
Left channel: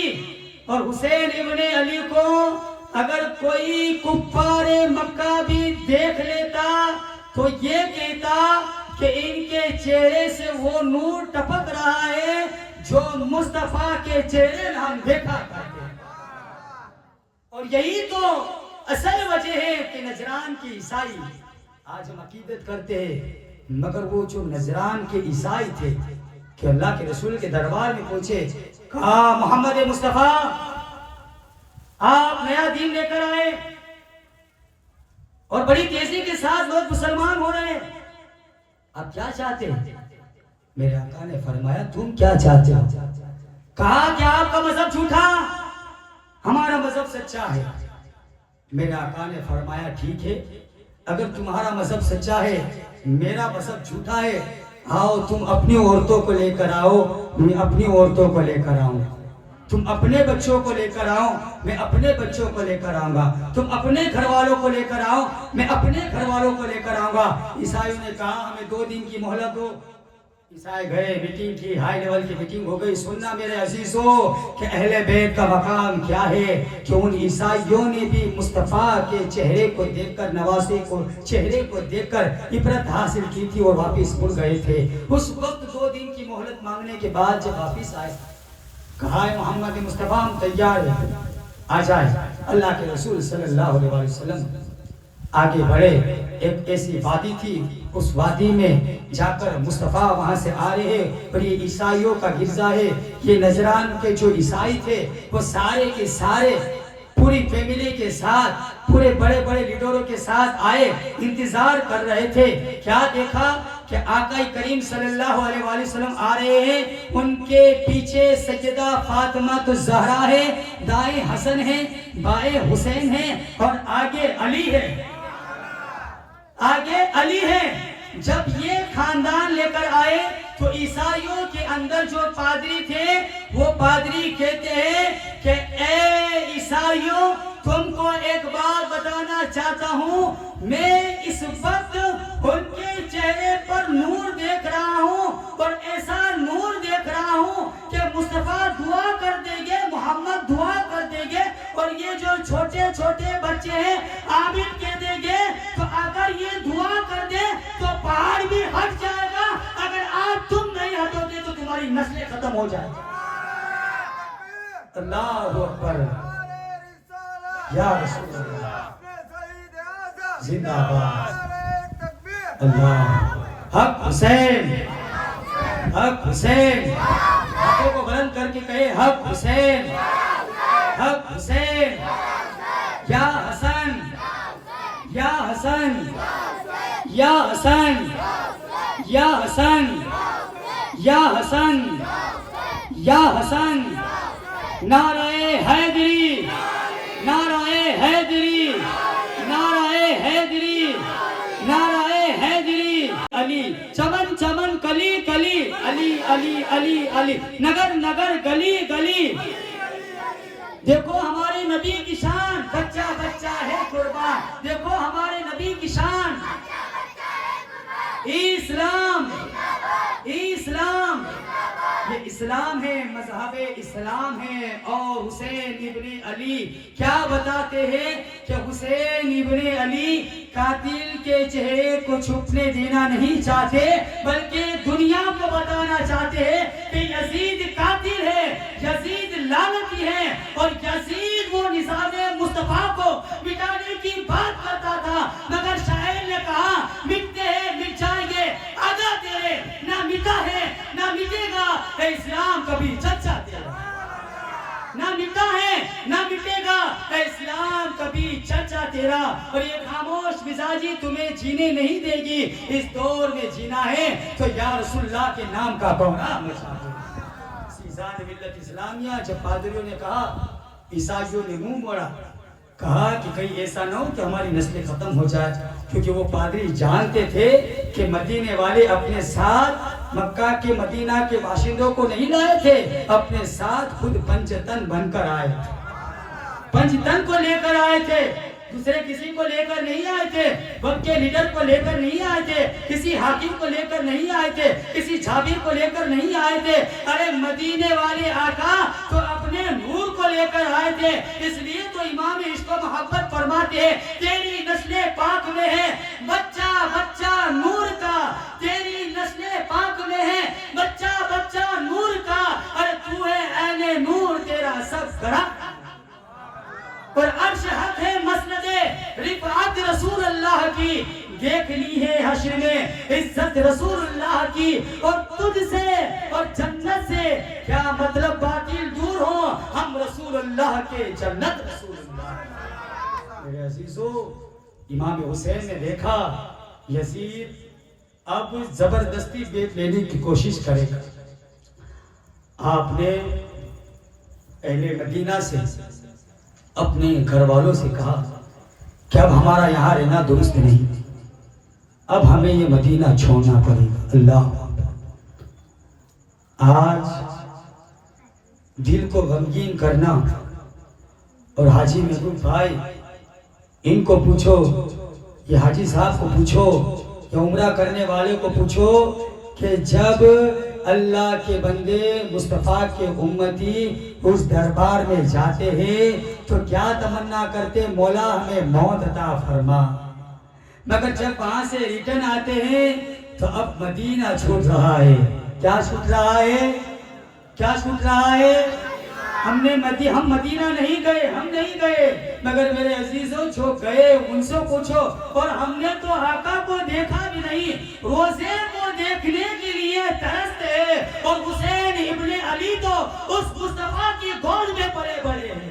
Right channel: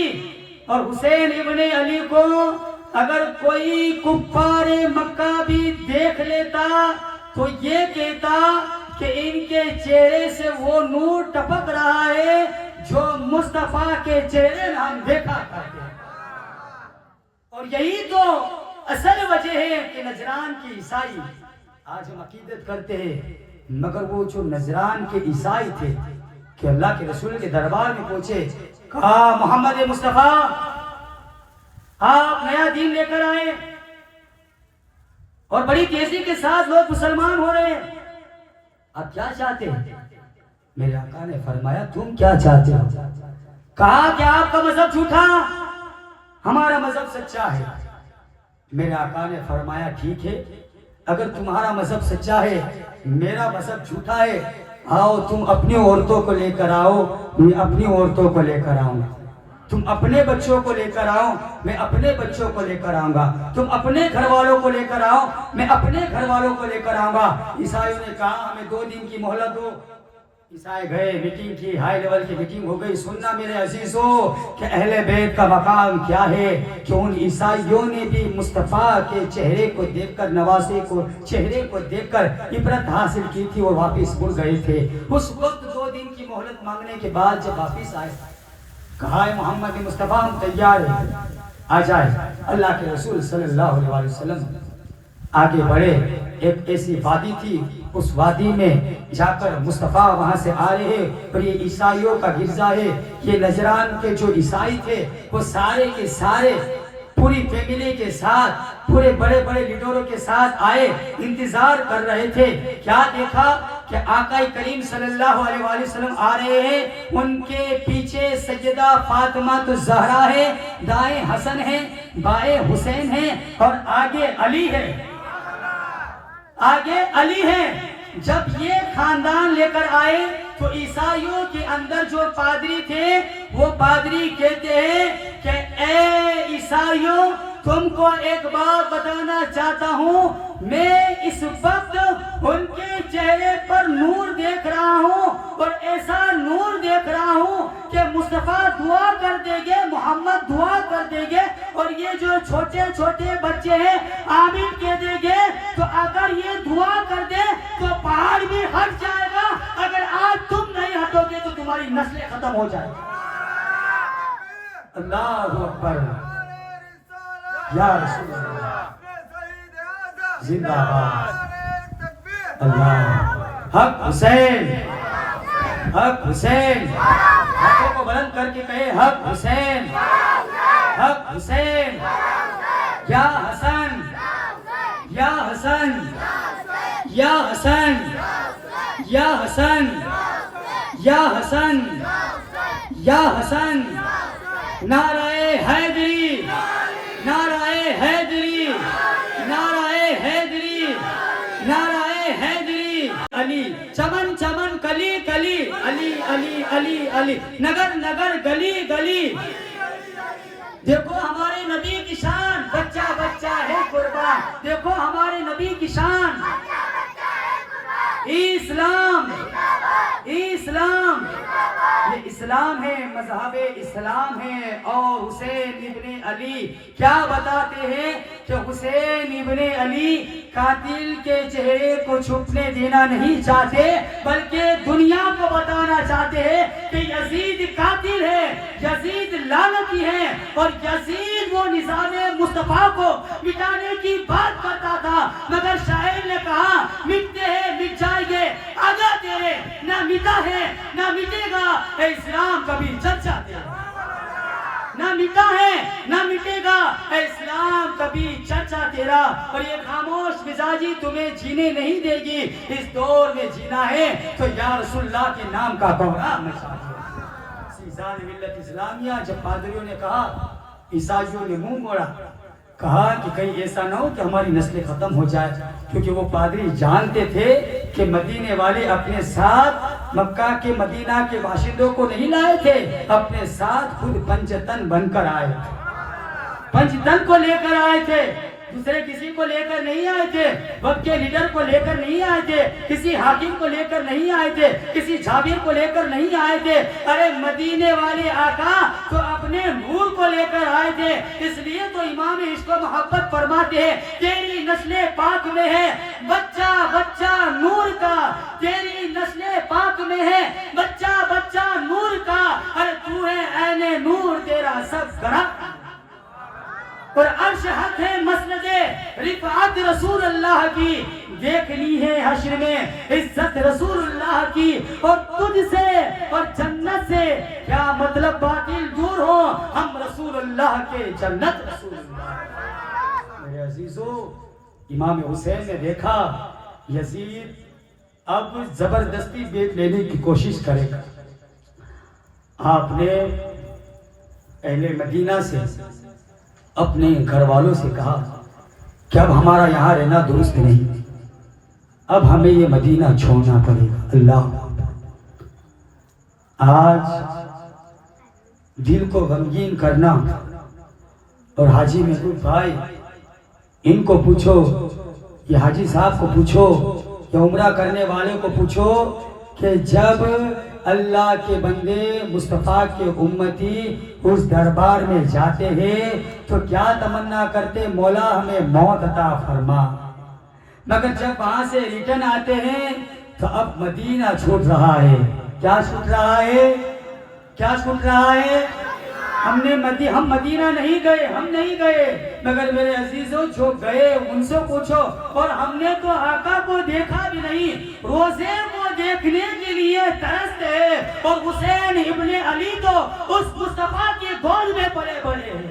اور حسین ابن علی کو اگر کوئی کفار مکہ بھی دیکھ لیتا تو یہ کہتا کہ ان کے چہرے سے وہ نور ٹپک رہا ہے جو مصطفیٰ کے چہرے ہم دیکھا کرتے ہیں۔ اور یہی تو اصل وجہ ہے کہ نجران کے عیسائی آج ہم عقیدت کرتے ہیں، مگر وہ جو نجران کے عیسائی تھے کہ اللہ کے رسول کے دربار میں پہنچے، کہا محمد مصطفیٰ آپ نیا دین لے کر آئے اور بڑی تیزی کے ساتھ لوگ مسلمان ہو رہے ہیں، آپ کیا چاہتے ہیں؟ میرے آقا نے فرمایا تم کیا چاہتے ہو؟ کہا کہ آپ کا مذہب جھوٹا، ہمارا مذہب سچا ہے۔ میرے آقا نے فرمایا ٹھیک ہے، اگر تمہارا مذہب سچا ہے میرا مذہب جھوٹا ہے، آؤ تم اپنی عورتوں کو لے کر آؤ، میں اپنی عورتوں کو لے کر آؤں، تم اپنے بچوں کو لے کر آؤ، میں اپنے بچوں کو لے کر آؤں گا، تم اپنے گھر والوں کو لے کر آؤ، میں اپنے گھر والوں کو لے کر آؤں گا۔ عیسائیوں نے کہا ہمیں 2 دن کی مہلت دو۔ عیسائی گئے، میٹنگ کی، ہائی لیول کی میٹنگ ہو گئی۔ سننا میرے عزیزوں کہ اہل بیت کا مقام کیا ہے، کہ ان عیسائیوں نے بھی مصطفیٰ کے چہرے کو دیکھ کر، نواسے کو چہرے کو دیکھ کر عبرت حاصل کی تھی اور واپس مڑ گئے تھے۔ اس وقت 2 دن کی مہلت مانگنے کے بعد جب واپس آئے، کہا ہے محمد مصطفیٰ ہم تیار ہیں، آ جائے۔ اللہ کے رسول صلی اللہ علیہ وسلم آگے بڑھے، ایک ایسی وادی تھی، اس وادی میں جا کر مصطفیٰ وہاں سے آ رہے ہیں، اور یہ عیسائیوں کا گرجا ہے۔ یہ نجران کے جو عیسائی تھے وہ سارے کے سارے پوری فیملی کے ساتھ، پورے بڑے بڑے لیڈروں کے ساتھ آئے، انتظار کر رہے تھے۔ کیا دیکھا کہ آقا کریم صلی اللہ علیہ وآلہ وسلم آ رہے ہیں، ان کے پیچھے سیدہ فاطمہ الزہرا ہے، دائیں حسن ہے، بائیں حسین ہے، اور آگے علی ہے، آگے علی ہے۔ جب یہ خاندان لے کر آئے تو عیسائیوں کے اندر جو پادری تھے وہ پادری کہتے ہیں کہ اے عیسائیوں تم کو ایک بات بتانا چاہتا ہوں، میں اس وقت ان کے چہرے پر نور دیکھ رہا ہوں، اور ایسا نور دیکھ رہا ہوں کہ مصطفیٰ دعا کر دیں گے، محمد دعا کر دیں گے، اور یہ جو چھوٹے چھوٹے بچے ہیں آمین کہہ دیں گے، تو اگر یہ دعا کر دے تو پہاڑ بھی ہٹ جائے گا، اگر آج تم نہیں ہٹو گے تو تمہاری نسلیں ختم ہو جائے گی۔ اللہ اکبر، یا رسول اللہ، زندہ باد اللہ، حق حسین، حق حسین، ہاتھوں کو بلند کر کے کہے حق حسین، حق حسین، یا حسن، یا حسن، یا حسن، یا حسن، یا حسن، یا حسن، نعرہ حیدری، نعرہ حیدری، نعرہ حیدری، نعرہ حیدری، علی چمن چمن کلی کلی، علی علی علی علی، نگر نگر گلی گلی۔ دیکھو ہمارے نبی کی شان، بچہ بچہ ہے قربان، دیکھو ہمارے نبی کی شان، اسلام، اسلام، یہ اسلام ہے، مذہب اسلام ہے۔ اور حسین ابن علی کیا بتاتے ہیں کہ حسین ابن علی قاتل کے چہرے کو چھپنے دینا نہیں چاہتے، بلکہ دنیا کو بتانا چاہتے ہیں کہ یزید قاتل ہے، یزید لعنتی ہے، اور یزید وہ نظام مصطفیٰ کو مٹانے کی بات کرتا تھا، مگر شاعر نے کہا مٹتے ہیں مٹ جائیں گے، آگا تیرے نہ مٹا ہے نہ مٹے گا، اے اسلام کبھی چرچا تیرا نہ مٹا ہے نہ مٹے گا، اے اسلام کبھی چرچا تیرا، اور یہ خاموش مزاجی تمہیں جینے نہیں دے گی۔ اس دور میں جینا ہے تو یا رسول اللہ کے نام کا گوہرا مچا دو۔ سیزاد ملت اسلامیہ جب پادریوں نے کہا، عیسائیوں نے منہ موڑا، کہا کہ کہیں ایسا نہ ہو کہ ہماری نسلیں ختم ہو جائے، کیونکہ وہ پادری جانتے تھے کہ مدینے والے اپنے ساتھ مکہ کے مدینہ کے باشندوں کو نہیں لائے تھے، اپنے ساتھ خود پنجتن بن کر آئے، پنجتن کو لے کر آئے تھے، دوسرے کسی کو لے کر نہیں آئے تھے، وقت کے لیڈر کو لے کر نہیں آئے تھے، کسی حاکم کو لے کر نہیں آئے تھے، کسی جابر کو لے کر نہیں آئے تھے، ارے مدینے والے آقا تو اپنے نور کو لے کر آئے تھے۔ اس لیے تو امام عشق و محبت فرماتے ہیں تیری نسل پاک میں ہے بچہ بچہ نور کا، تیری نسل پاک میں ہے بچہ بچہ نور کا، ارے تو ہے عین نور تیرا سب گھر، اور عرش حق ہے مسند رفعت رسول اللہ کی، دیکھ لی ہے حشر میں عزت رسول اللہ کی، اور تجھ سے اور جنت سے کیا مطلب باطل دور ہو، ہم رسول اللہ کے جنت رسول اللہ۔ میرے عزیزو، امام حسین نے دیکھا یزید اب زبردستی بیٹ لینے کی کوشش کرے گا، آپ نے اہل مدینہ سے اپنے گھر والوں سے کہا کہ اب ہمارا یہاں رہنا درست نہیں، اب ہمیں یہ مدینہ چھوڑنا پڑے گا۔ اللہ، آج دل کو غمگین کرنا، اور حاجی محبوب بھائی ان کو پوچھو، یہ حاجی صاحب کو پوچھو، یا عمرہ کرنے والے کو پوچھو کہ جب اللہ کے بندے مصطفیٰ کے امتی اس دربار میں جاتے ہیں تو کیا تمنا کرتے، مولا ہمیں موت عطا فرما، مگر جب وہاں سے ریٹرن آتے ہیں تو اب مدینہ چھوٹ رہا ہے۔ کیا چھوٹ رہا ہے؟ کیا چھوٹ رہا ہے؟ ہم مدینہ نہیں گئے، ہم نہیں گئے، مگر میرے عزیزوں جو گئے ان سے پوچھو، اور ہم نے تو آقا کو دیکھا بھی نہیں، روزے کو دیکھنے کے لیے ترستے، اور حسین ابن علی تو اس مصطفیٰ کی گود میں پلے بڑے ہیں،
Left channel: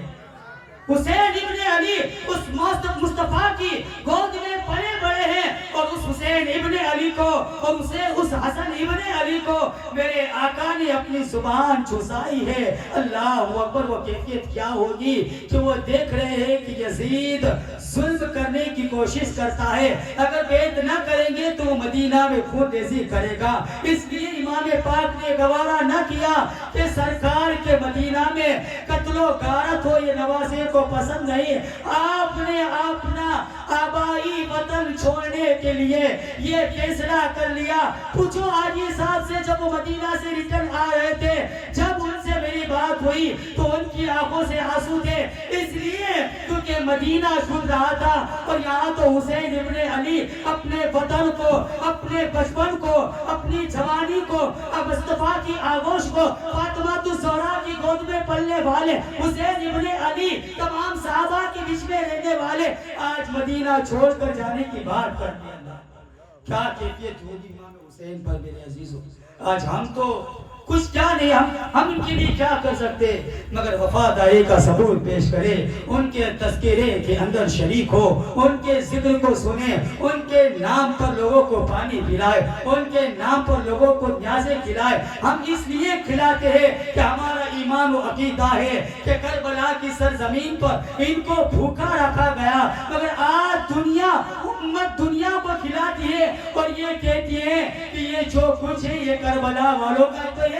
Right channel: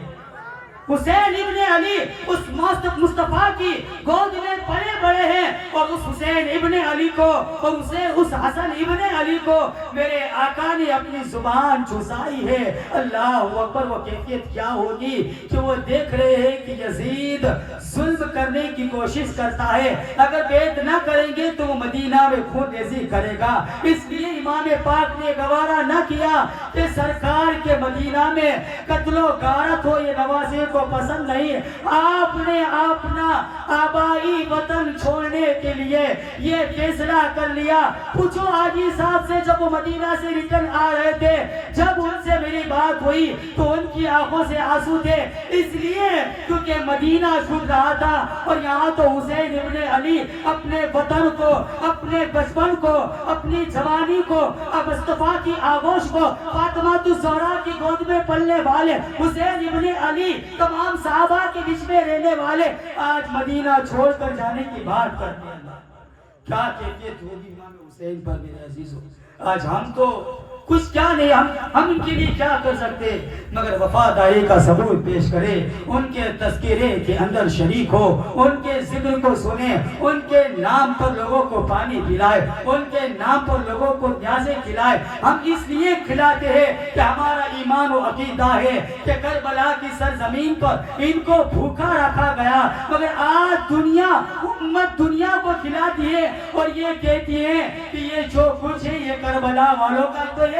حسین ابن علی اس مصطفیٰ کی گود میں پلے بڑے ہیں، اور اس حسین ابن علی کو اور اس حسن ابن علی کو میرے آقا نے اپنی زبان چوسائی ہے۔ اللہ اکبر، وہ کیفیت کیا ہوگی کہ وہ دیکھ رہے ہیں کہ یزید ظلم کرنے کی کوشش کرتا ہے، اگر بیعت نہ کریں گے تو وہ مدینہ میں خون ریزی کرے گا، اس لیے امام پاک نے گوارا نہ کیا کہ سرکار کے مدینہ میں قتل و غارت ہو، یہ نوازی کو پسند نہیں، آپ نے اپنا آبائی وطن چھوڑنے کے لیے یہ فیصلہ کر لیا۔ پوچھو حاجی صاحب سے، جب وہ مدینہ سے ریٹرن آ رہے تھے، جب ان سے میری بات ہوئی تو ان کی آنکھوں سے آنسو تھے، اس لیے کیونکہ مدینہ چھوٹ رہا تھا، اور یہاں تو حسین ابن علی اپنے وطن کو، اپنے بچپن کو، اپنی جوانی کو، مصطفیٰ کی آغوش کو، فاطمہ الزہرا کی گود میں پلنے والے حسین ابن علی، تمام صحابہ کے بیچ میں رہنے والے آج مدینہ چھوڑ کر جانے کی بات کرتے ہیں۔ کیا کیفیت ہوگی امام حسین پر میرے عزیزوں؟ آج ہم تو کچھ کیا نہیں، ہم ان کے لیے کیا کر سکتے، مگر وفاداری کا ثبوت پیش کرے، ان کے تذکرے کے اندر شریک ہو، ان کے ذکر کو سنیں، ان کے نام پر لوگوں کو پانی پلائے، ان کے نام پر لوگوں کو نیازیں کھلائے۔ ہم اس لیے کھلاتے ہیں کہ ہمارا ایمان و عقیدہ ہے کہ کربلا کی سرزمین پر ان کو بھوکا رکھا گیا، مگر آج دنیا امت دنیا کو کھلاتی ہے اور یہ کہتی ہے کہ یہ جو کچھ ہے یہ کربلا والوں کا تو ہے،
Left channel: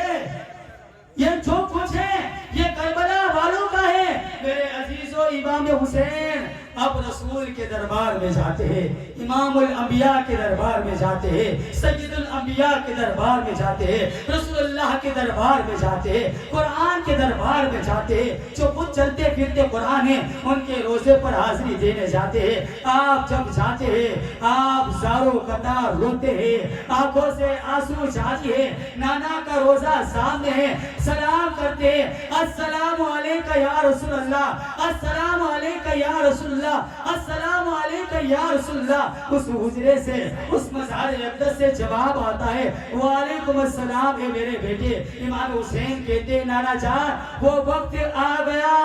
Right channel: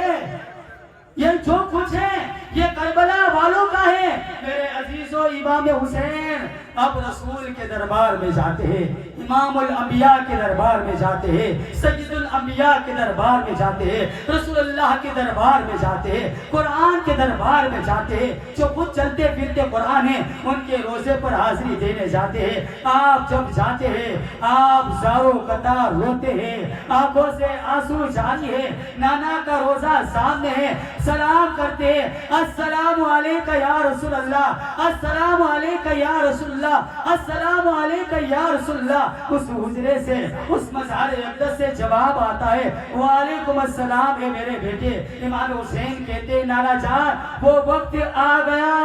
یہ جو کچھ ہے یہ کربلا والوں کا ہے۔ میرے عزیزو، امام حسین اب رسول کے دربار میں جاتے ہیں، امام الانبیاء کے دربار میں جاتے ہیں، سید الانبیاء کے دربار میں جاتے ہیں، رسول اللہ کے دربار میں جاتے ہیں، قرآن کے دربار میں جاتے ہیں، جو خود چلتے پھرتے قرآن ہیں ان کے روزے پر حاضری دینے جاتے ہیں۔ آپ جب جاتے ہیں آپ زارو قطار روتے ہیں، آنکھوں سے آنسو جاری ہے، نانا کا روزہ سامنے ہے، سلام کرتے ہیں، السلام علیکہ یا رسول اللہ، السلام علیکہ یا رسول اللہ، اللہ السلام علیکہ یا رسول اللہ، اس حجرے سے اس مزار اقدس سے جواب آتا ہے وعلیکم السلام، اے میرے بیٹے۔ امام حسین کہتے نانا جان وہ وقت آ گیا،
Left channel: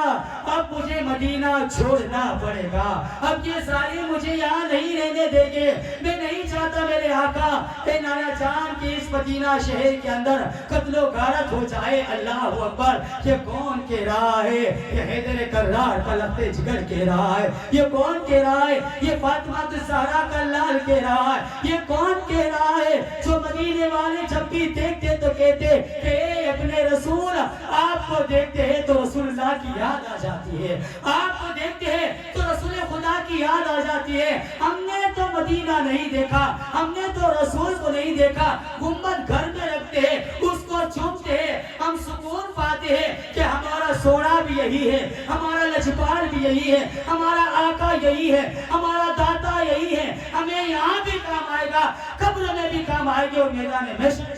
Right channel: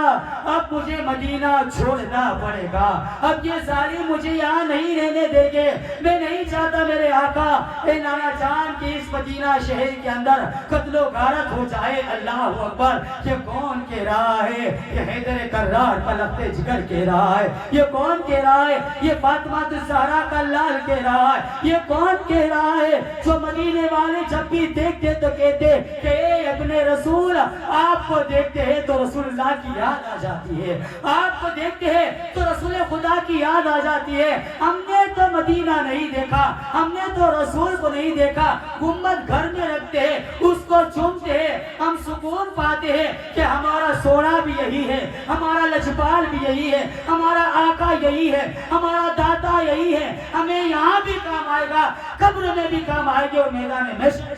اب مجھے مدینہ چھوڑنا پڑے گا، اب یہ ظالم مجھے یہاں نہیں رہنے دیں گے، میں نہیں چاہتا میرے آقا اے نانا جان کی اس مدینہ شہر کے اندر قتل و غارت ہو جائے۔ اللہ اکبر، یہ کون کہہ رہا ہے؟ یہ حیدر کرار کا لخت جگر کہہ رہا ہے۔ یہ کون کہہ رہا ہے؟ یہ فاطمہ الزہرا کا لال کہہ رہا ہے۔ یہ کون کہہ رہا ہے جو مدینے والے جب بھی دیکھتے تو کہتے کہ اے اپنے رسول، آپ کو دیکھتے ہیں تو رسول اللہ کی یاد آ جاتی ہے، آپ کو دیکھتے ہیں تو رسول خدا کی یاد آ جاتی ہے۔ ہم نے تو مدینہ نہیں دیکھا، ہم نے تو رسول کو نہیں دیکھا، گنبد گھر میں رکھتے ہیں، اس کو چومتے ہیں، ہم سکون پاتے ہیں کہ ہمارا سونا بھی یہی ہے، ہمارا لجپال بھی یہی ہے، ہمارا آقا یہی ہے، ہمارا داتا یہی ہے، ہمیں یہاں بھی کام آئے گا، قبر میں بھی کام آئے گی اور میدان محشر۔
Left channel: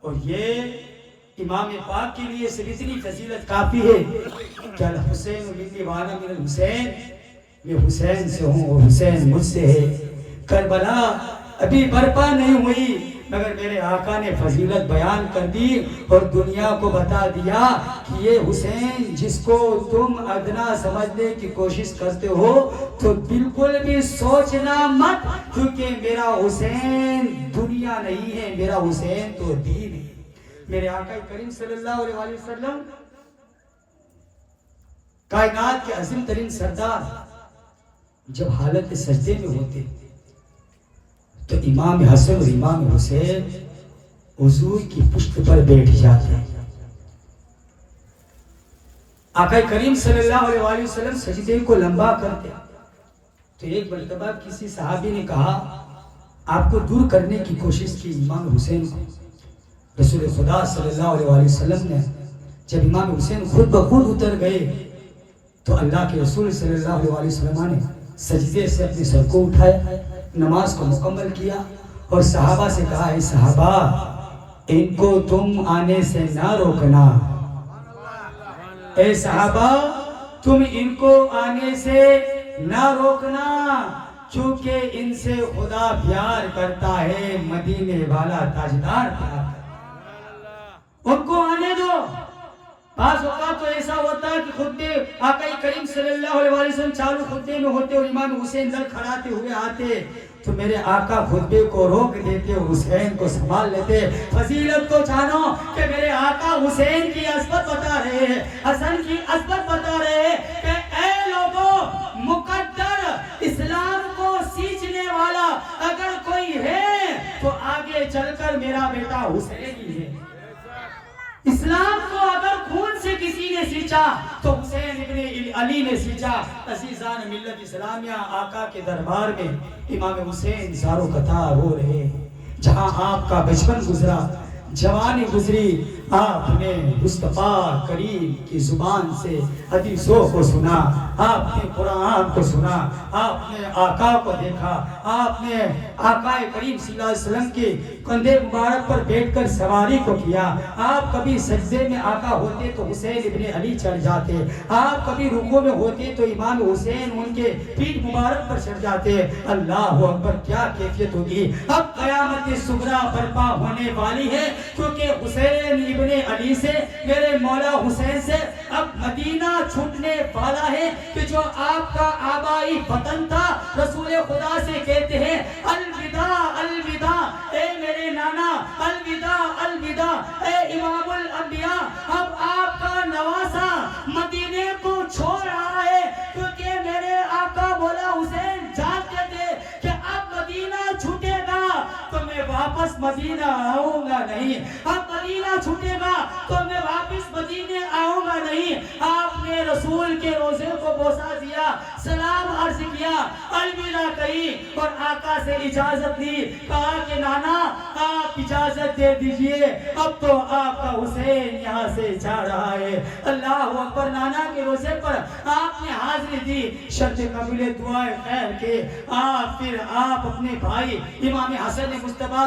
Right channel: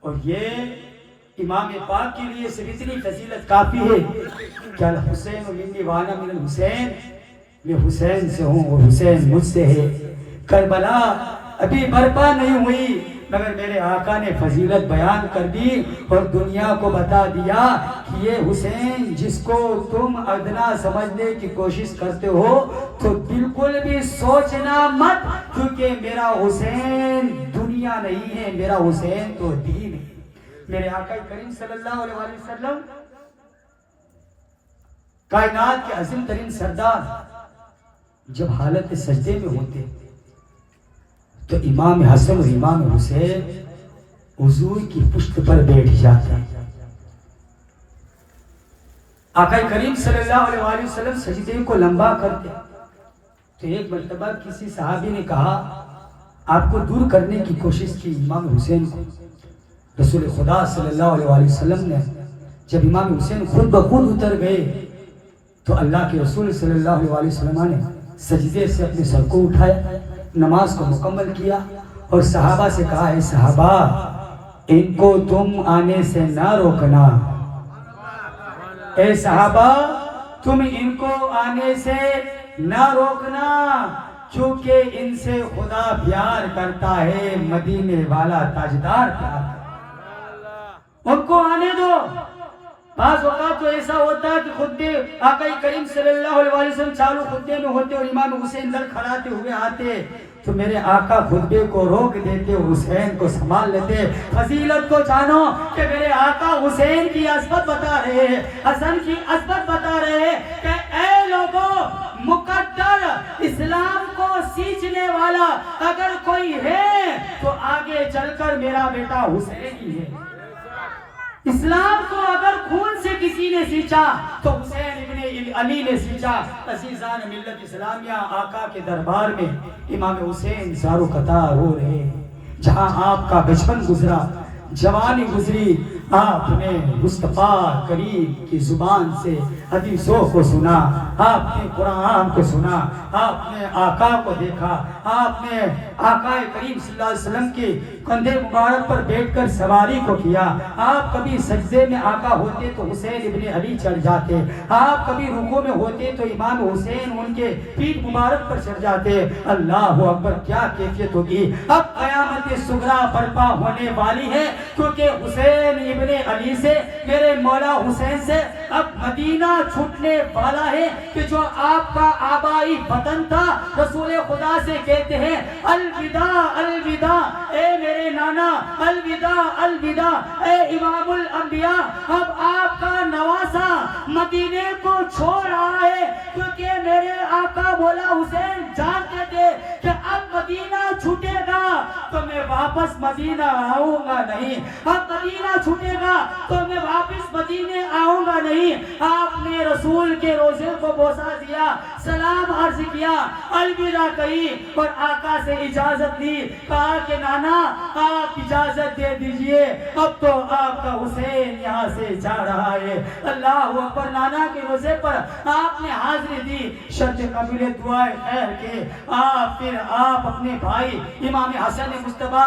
اور یہ امام پاک کے لیے صرف اتنی فضیلت کافی ہے کہ الحسین منی وانا من الحسین، میں حسین سے ہوں اور حسین مجھ سے ہے۔ کربلا ابھی برپا نہیں ہوئی مگر میرے آقا نے فضیلت بیان کر دی اور دنیا کو بتا دیا کہ یہ حسین جس کو تم ادنا سمجھنے کی کوشش کرتے ہو تو بالکل بھی سوچنا مت، کیونکہ میرا حسین دنیا نہیں ہے، میرا حسین تو دین ہے۔ میرے آقا کریم صلی اللہ علیہ وسلم کائنات کے عظیم ترین سردار جب حالت سجدے میں ہوتے تو امام حسن اور امام حسین حضور کی پشت پر بیٹھ جاتے ہیں۔ آقا کریم صلی اللہ علیہ وسلم سجدے کو لمبا کرتے تو ایک مرتبہ کسی صحابی نے کہا آپ کو دور کرنے کی کوشش کی امام حسین کو۔ رسول خدا صلی اللہ علیہ وسلم نے جب امام حسین خود بخود اتر گئے تو اللہ کے رسول صلی اللہ علیہ وسلم نے سجدے سے اپنے سر کو اٹھایا، نماز کو مکمل کیا اور صحابہ سے کہا اے صحابہ ان کو تم آنے سے نہ روکنا، اے صحابہ تم ان کو آنے سے نہ روکنا، چونکہ ان سے خدا پیار کرتا ہے، مدینے والا تاجدار پیار، ان کو آنے دو۔ بعض اوقات تو ایسا ہوتا ہے کہ خطبے آقا کریم صلی اللہ علیہ وسلم چالو خطبے میں ہوتے اور امام حسین در کھڑاتے ہوئے آتے تو میرے آقا خطبے کو روک دیتے اور حسین کو سنبھال لیتے۔ فضیلت کو جانو کہ میرے آقا حسین کی عظمت بتا رہے ہیں، حسن کی عظمت بتا رہے ہیں کہ اے لوگوں، مقدر اسلام کو سیچنے والا اگر کوئی ہے تو آگے چل کر میرا بیٹا حسین ہی ہے۔ اسلام کو اگر خون سے کسی نے سیچا تو حسین ابن علی نے سیچا۔ عزیزان ملت اسلامیہ، آقا کے دربار میں امام حسین زارو قطار ہو رہے، جہاں آپ کا بچپن گزرا، جوانی گزری، آپ نے مصطفیٰ کریم کی زبان سے حدیثوں کو سنا، آپ نے قرآن کو سنا، آپ نے آقا کو دیکھا، آپ نے آقا کریم صلی اللہ علیہ وسلم کے کندھے مبارک پر بیٹھ کر سواری کو کیا۔ آپ کبھی سجدے میں آقا ہوتے تو حسین ابن علی چڑھ جاتے، آپ کبھی رکوع میں ہوتے تو امام حسین ان کے پیٹھ مبارک پر چڑھ جاتے۔ اللہ اکبر، کیا کیفیت ہوگی! اب قیامت صغریٰ برپا ہونے والی ہے کیونکہ حسین ابن علی سے، میرے مولا حسین سے اب مدینہ چھوٹنے والا ہے کہ جو آپ کا آبائی وطن تھا۔ رسول خدا سے کہتے ہیں الوداع الوداع، اے میرے نانا، الوداع الوداع، اے امام الانبیاء، اب آپ کا نواسا مدینے کو چھوڑ رہا ہے کیونکہ میرے آقا مولا حسین جانتے تھے کہ اب مدینہ چھوٹے گا تو میں واپس مدینہ آؤں گا نہیں، اب مدینہ چھوٹے گا تو میں واپس مدینے آؤں گا نہیں۔ آپ نے رسول کے روزے کو بوسا دیا، سلام عرض کیا، الوداع کہی اور آقا سے اجازت دی، کہا کہ نانا آپ اجازت دے دیجئے، اب تو آپ کا حسین یہاں سے جا رہا ہے۔ اللہ اکبر، نانا کے روزے پر آپ نے حاضری دی، شرط قبول دعائیں خیر کے پھر آپ اپنے بھائی امام حسن مصطفیٰ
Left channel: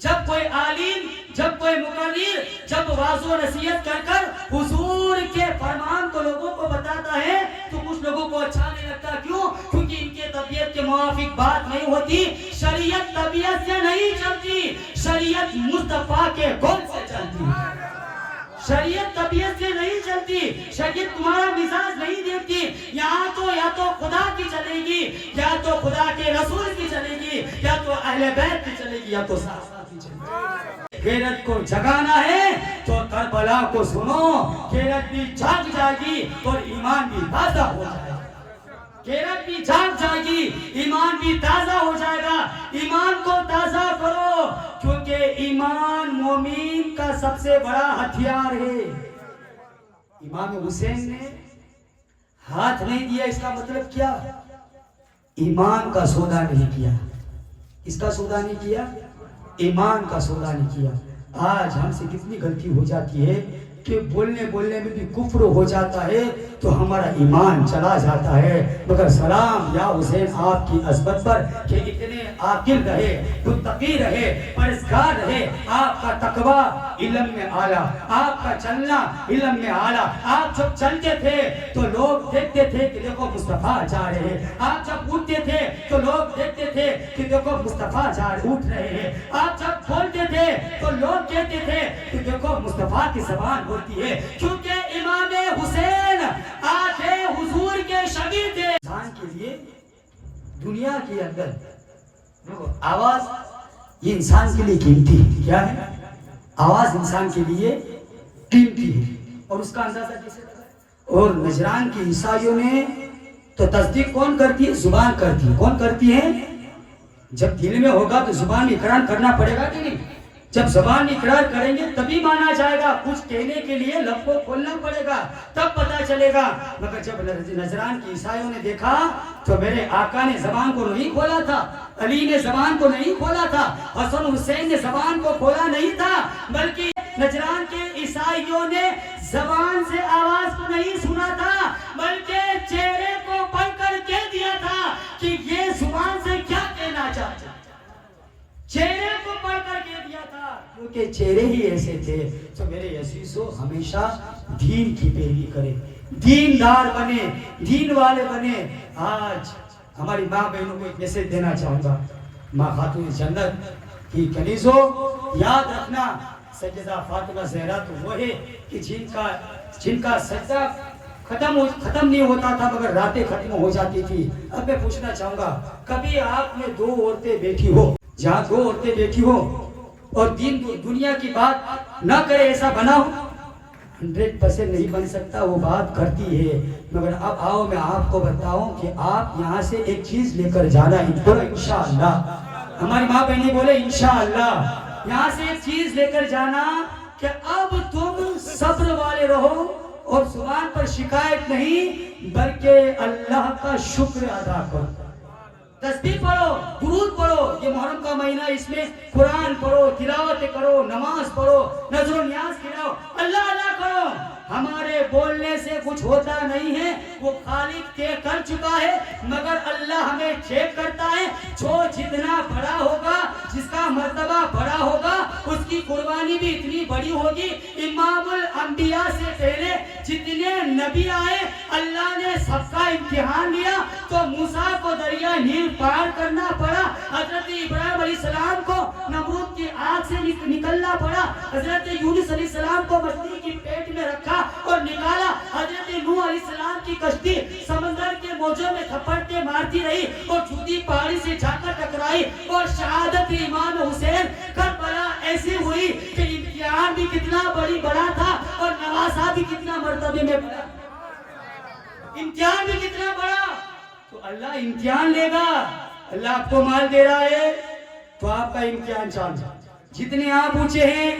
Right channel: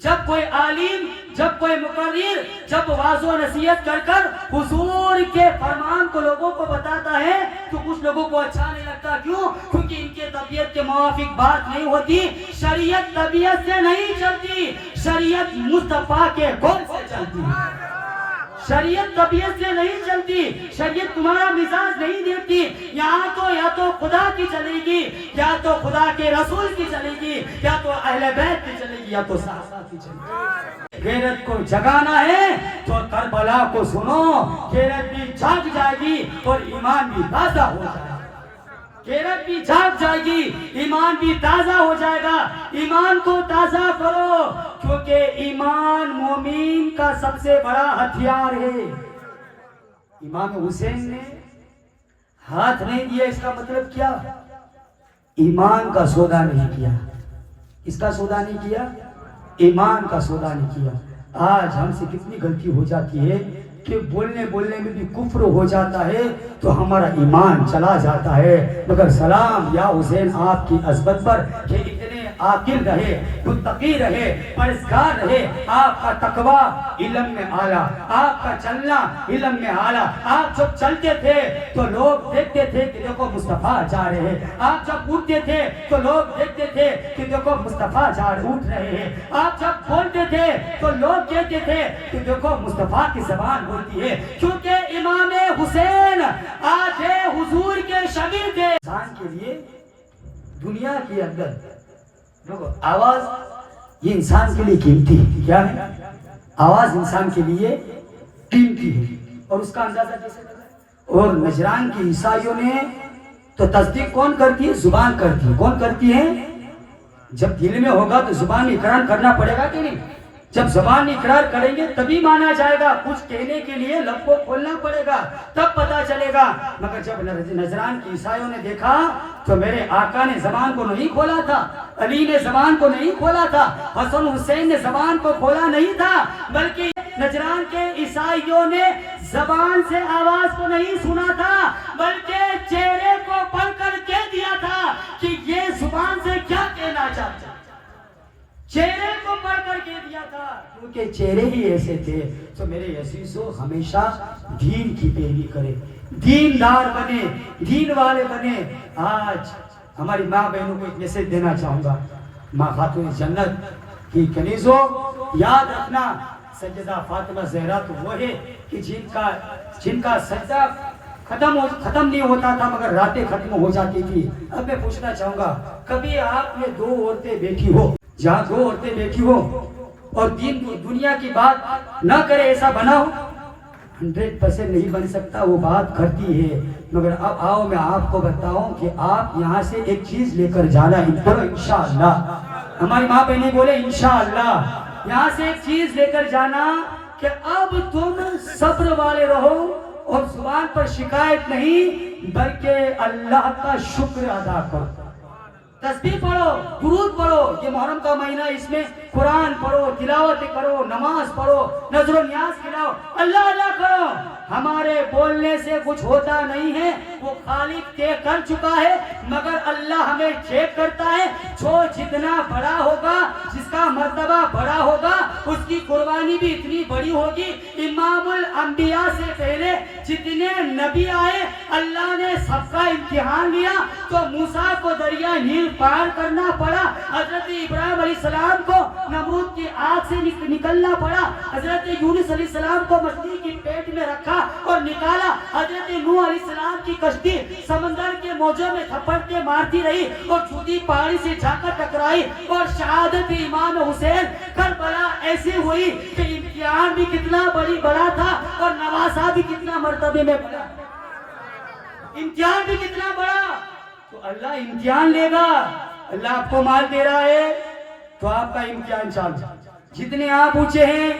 جب کوئی عالم، جب کوئی مقرر، جب واعظ و نصیحت کر کر حضور کے فرمان کو لوگوں کو بتاتا ہے تو کچھ لوگوں کو اچھا نہیں لگتا. کیوں؟ کیونکہ ان کے طبیعت کے موافق بات نہیں ہوتی. شریعت طبیعت سے نہیں چلتی، شریعت مصطفیٰ کے قول سے چلتی. شریعت طبیعت سے نہیں چلتی، شریعت تمہارا مزاج نہیں دیکھتی. یہاں تو یا تو خدا کی چلے گی، یا تو خدا کے رسول کی چلے گی، یا تو اہل بیت کی چلے گی، یا تو صحابہ کی چلے گی. غیرت کو جگانا ہے تو کربلا کو سنو. غیرت بھی جاگ جائے گی اور ایمان بھی تازہ ہو جائے گا. غیرت بھی جاگ جائے گی، ایمان بھی تازہ ہو جائے گا. ایمان کو تازہ کرو، کیونکہ ایمان مومن کا سب سے بڑا ہتھیار ہے. امام حسین نے ہاتھ نہیں دیا، اس کا مطلب کیا؟ ایمان کا سودا نہیں کیا. اس کا سودا نہیں کیا، ایمان کا سودا نہیں کیا. آج ہم سے کتنی غلطی ہو جاتی ہے کہ بولنے میں بھی کفر ہو جاتا ہے تو ہمارا ایمان چلا جاتا ہے. مگر سلام یا حسین آپ کی عظمت پر کہ اتنے عاقل رہے، متقی رہے، پرہیزگار رہے. آپ کا تقوی علم میں اعلیٰ، آپ کا چلنا علم میں اعلیٰ. آپ جب چلتے تھے تو لوگ دیکھتے تھے کہ دیکھو مصطفیٰ جا رہے ہیں. آپ جب اٹھتے تھے تو لوگ دیکھتے تھے کہ دیکھو مصطفیٰ اٹھ رہے ہیں. آپ جب بولتے تھے تو لوگ کہتے تھے کہ دیکھو مصطفیٰ کی زبان ہوتی ہے. کیونکہ امام حسین آج حضور کے شاگرد تھے. انسان کے لیے دنیا کے اندر آواز یہ انسان کے لیے قیمتی ہے. کیا ہے؟ آواز انسان کے لیے قیمتی ہے. اور اس کا اندازہ کیسے لگا؟ اور نجران کے عیسائیوں نے تو تصدیق کون کرتی ہے؟ زبان کرتی ہے. کون کرتی ہے؟ جب دل میں ہوگا تو زبان اقرار کرنا پڑے گا کہ نہیں؟ جب زبان اقرار کریں گے تبھی مانا جائے گا. کچھ کہنے کے لیے لب کو کھولنا پڑے گا تب پتا چلے گا. مگر جب نجران کے عیسائیوں نے دیکھا تو میرے آقا نے زبان کو نہیں کھولا تھا، علی نے زبان کو نہیں کھولا تھا، حسن حسین نے زبان کو کھولا نہیں تھا، بلکہ نجران کے عیسائیوں نے زبان سے آواز کو نہیں سنا تھا بلکہ چہرے کو پڑھ کر کہہ دیا تھا کہ یہ زبان سے کیا کہنا چاہتا. چہرے کو پڑھ کر کہہ دیا تھا کیونکہ چہرے ہی ایسے تھے. تو میرے عزیزو ہمیشہ دین کی پیروی کرے، دیندار بنے، دین والے بنے. آج ہماری ماں بہنوں کو ایک میسج دینا چاہوں گا. ماں خاتون جنت کی کنیزوں یاد رکھنا، سیدہ فاطمہ زہرا تو وہ ہے کہ جن کا سجدہ ختم نہیں ہوتا تھا مگر راتیں ختم ہو جاتی تھی. اب میں پوچھنا چاہوں گا کبھی آپ نے دو عورتیں بیٹھی ہو، جہاں دو عورتیں بیٹھی ہو اور دنیا کی بات نہ کرے ایسا بنا ہو؟ 100% نہیں بن سکتا. وہ بات کرتی ہے. مگر اب آؤ میں آپ کو بتاؤں کہ آپ یہاں سے ایک چیز لے کر جانا انشاءاللہ. ہماری ماں بہنیں بولے انشاءاللہ. یہاں سے ایک چیز لے کر جانا کہ اب تم صبر والے رہو اور زبان پر شکایت نہیں بلکہ اللہ کا شکر ادا کرو. تسبیح پڑھو، درود پڑھو. یہ محرم کا مہینہ، اس میں قرآن پڑھو، تلاوت کرو، نماز پڑھو، نذر و نیاز کھلاؤ، اللہ اللہ کرو. ہمارے بولنے سے کچھ ہوتا نہیں ہے، وہ خالق طے کر چکا ہے. مگر اللہ ہمیں چیک کرتا ہے. جو جتنا بڑا ہوگا، جس کا مرتبہ بڑا ہوگا، اس کی قربانی بھی اتنی بڑی ہوگی. امام الانبیاء سے پہلے جتنے نبی آئے اللہ نے سب کا امتحان لیا. تو موسیٰ کو دریا نیل پار کرنا پڑا، حضرت ابراہیم علیہ السلام کو نمرود کی آگ سے نکلنا پڑا، حضرت یونس علیہ السلام کو مچھلی کی پیٹ میں رکھا اور نکالا، حضرت نوح علیہ السلام کی کشتی سمندر کے موجوں میں تھپڑتے مارتی رہی اور جودی پہاڑی سے جا کر ٹکرائی. اور شہادت امام حسین کربلا ایسی ہوئی کہ امتحان بھی کتنا بڑا تھا اور نواسا بھی کتنا مرتبے میں بڑا. امتحان بھی کتنا بڑا. تو اللہ امتحان لے گا. اللہ آپ کو مال دے رہا ہے تو آپ کا امتحان چالو. جتنے آپ اونچے ہیں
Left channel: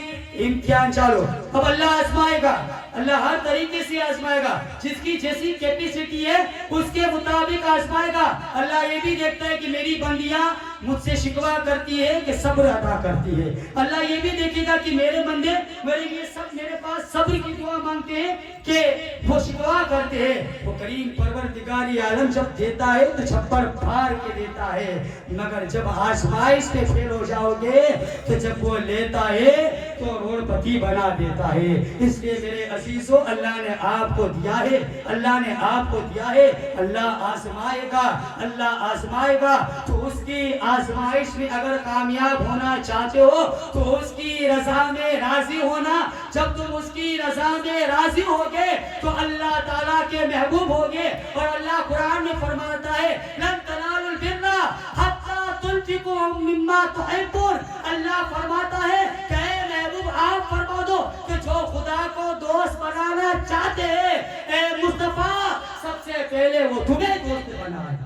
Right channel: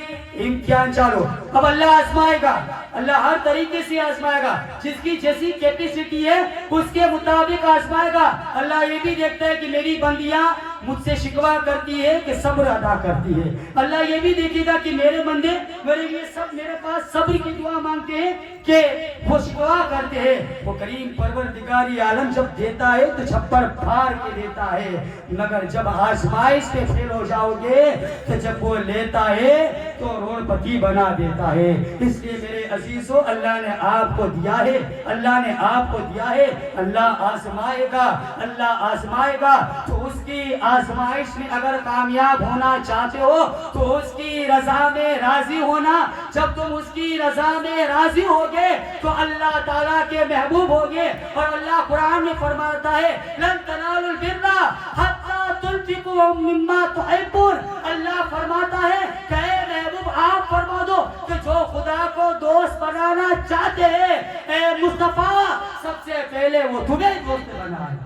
امتحان چالو. اب اللہ آزمائے گا، اللہ ہر طریقے سے آزمائے گا. جس کی جیسی کیپیسٹی ہے اس کے مطابق آزمائے گا. اللہ یہ بھی دیکھتا ہے کہ میری بندیاں مجھ سے شکوا کرتی ہے کہ صبر ادا کرتی ہے. اللہ یہ بھی دیکھے گا کہ میرے بندے میرے لیے سب میرے پاس صبر کی دعا مانگتے ہیں کہ وہ شکوا کرتے ہیں. وہ کریم پروردگار عالم جب دیتا ہے تو چھپر پھاڑ کے دیتا ہے، مگر جب آزمائش پہ فیل ہو جاؤ گے تو جب وہ لیتا ہے تو روڑپتی بنا دیتا ہے. اس لیے میرے عزیزو اللہ نے آپ کو دیا ہے، اللہ نے آپ کو دیا ہے. اللہ آزمائے گا، اللہ آزمائے گا تو اس کی آزمائش میں اگر کامیاب ہونا چاہتے ہو تو اس کی رضا میں راضی ہونا. جب تم اس کی رضا میں راضی ہوگے تو اللہ تعالیٰ کے محبوب ہوگے. اور اللہ قرآن میں فرماتا ہے لن تنالوا البر حتی تنفقوا مما تحبون. اللہ فرماتا ہے کہ اے محبوب آپ فرما دو کہ جو خدا کو دوست بنانا چاہتے ہیں اے مصطفیٰ سب سے پہلے وہ تمہیں دوست بنائے،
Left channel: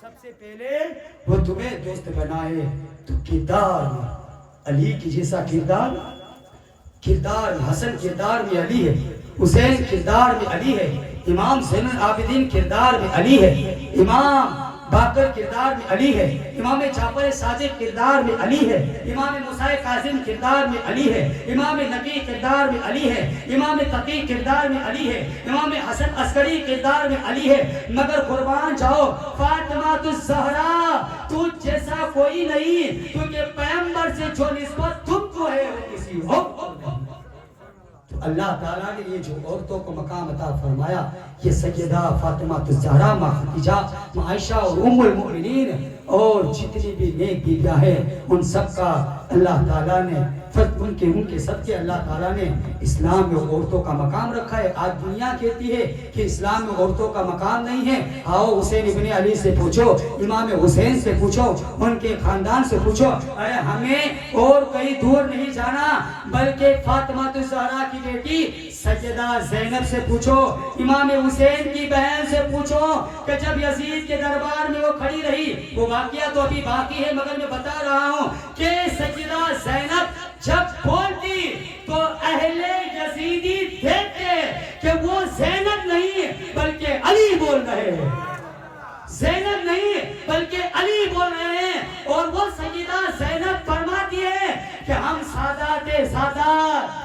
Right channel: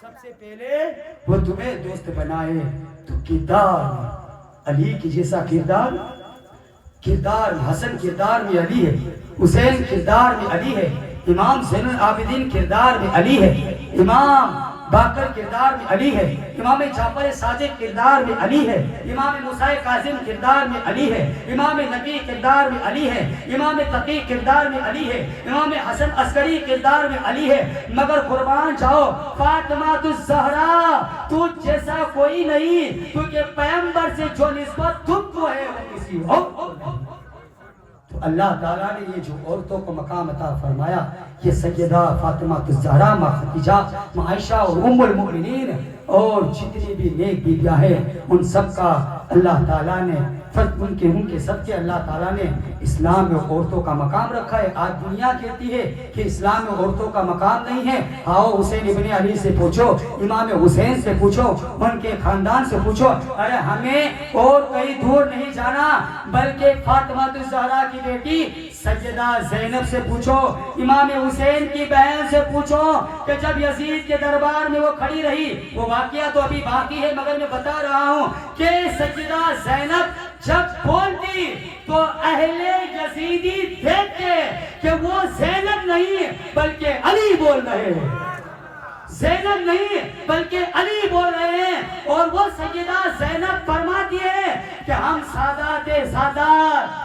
سب سے پہلے وہ تمہیں دوست بنائے. تو کردار علی کی جیسا کردار حسن کردار میں علی ہے، حسین کردار میں علی ہے، امام زین العابدین کردار میں علی ہے، امام باقر کردار میں علی ہے، امام جعفر صادق کردار میں علی ہے، امام موسیٰ کاظم کردار میں علی ہے، امام نبی کردار میں علی ہے، امام تقی کردار میں علی ہے، امام حسن عسکری کردار میں علی ہے. مگر قربان جاؤ فاطمہ الزہرا تو جیسا کوئی نہیں، کیونکہ پیغمبر سے جو نسبت تم کو ہے وہ کسی اور کو نہیں. تو اللہ تعالیٰ نے یہ جو عورتوں کو مقام عطا فرمایا، یہ سیدہ فاطمہ الزہرا، ماں خدیجہ، ماں عائشہ اور ام المؤمنین اور جتنی بھی نیک بیویاں ہیں ان سب کا اللہ تعالیٰ نے ان کے سب کے اللہ تعالیٰ نے اسلام میں عورتوں کا مقام رکھا ہے. آج دنیا کہتی ہے کہ اسلام میں عورتوں کا مقام نہیں ہے. آؤ حسین ابن علی سے پوچھو، امام حسین سے پوچھو، ان کے خاندان سے پوچھو. ارے ہمیں اور کہیں دور نہیں جانا بلکہ فاطمہ الزہرا کی بیٹی سیدہ زینب سے پوچھو، امام حسین کی بہن سے پوچھو کہ جب یزید کے دربار میں وہ کھڑی رہی، وہ واقعہ تو ابھی باقی ہے مگر میں بتا رہا ہوں کہ سیدہ زینب جب بولتی تو اہل یزیدی دیکھتے کہ وہ زینب نہیں بلکہ علی بول رہے ہیں، زینب نہیں بلکہ علی بول رہے ہیں. اور وہ سیدہ زینب فرماتی ہے کہ ہم سادات سادات،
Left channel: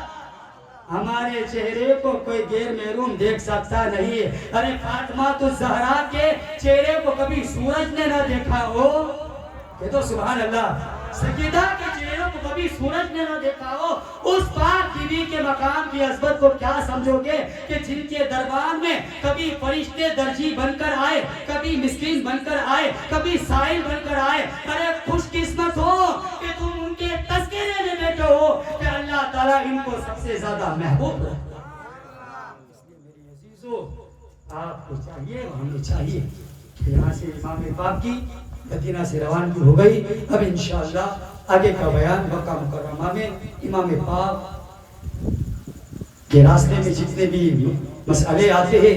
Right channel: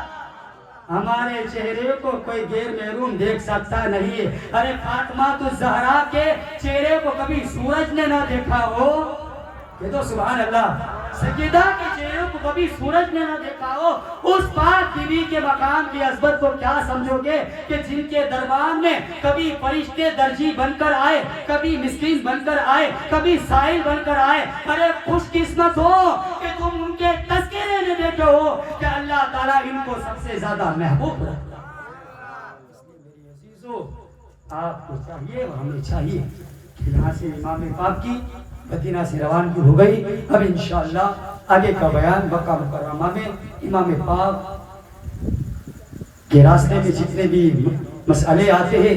ہمارے چہرے کو کوئی غیر محروم دیکھ سکتا نہیں. ارے فاطمہ الزہرا کے چہرے کو کبھی سورج نے نہ دیکھا ہو، یہ تو سبحان اللہ. سیدہ کے چہروں کو کبھی سورج نے نہ دیکھا ہو. اس پاک بیوی کے مقام کی عظمت کو کیا سمجھو گے کہ جن کے دربار میں کبھی فرشتے درجی بن کر آئے، کبھی مسکین بن کر آئے، کبھی سائل بن کر آئے. ارے خوش قسمت ہو کہ تم ان کے تذکرے میں بیٹھے ہو کہ اللہ تعالیٰ ان کو سب سے زیادہ محبوب رکھتا ہے. اس لیے میرے عزیزو آپ کو چاہیے اور ہمیں چاہیے کہ یہاں سے امام پاک کی مدینہ سے روانگی ہو گئی. اب انشاءاللہ آگے کا بیان مکہ مکرمہ میں امام پاک کے راستے میں جتنے بھی مسئلے آتے ہیں،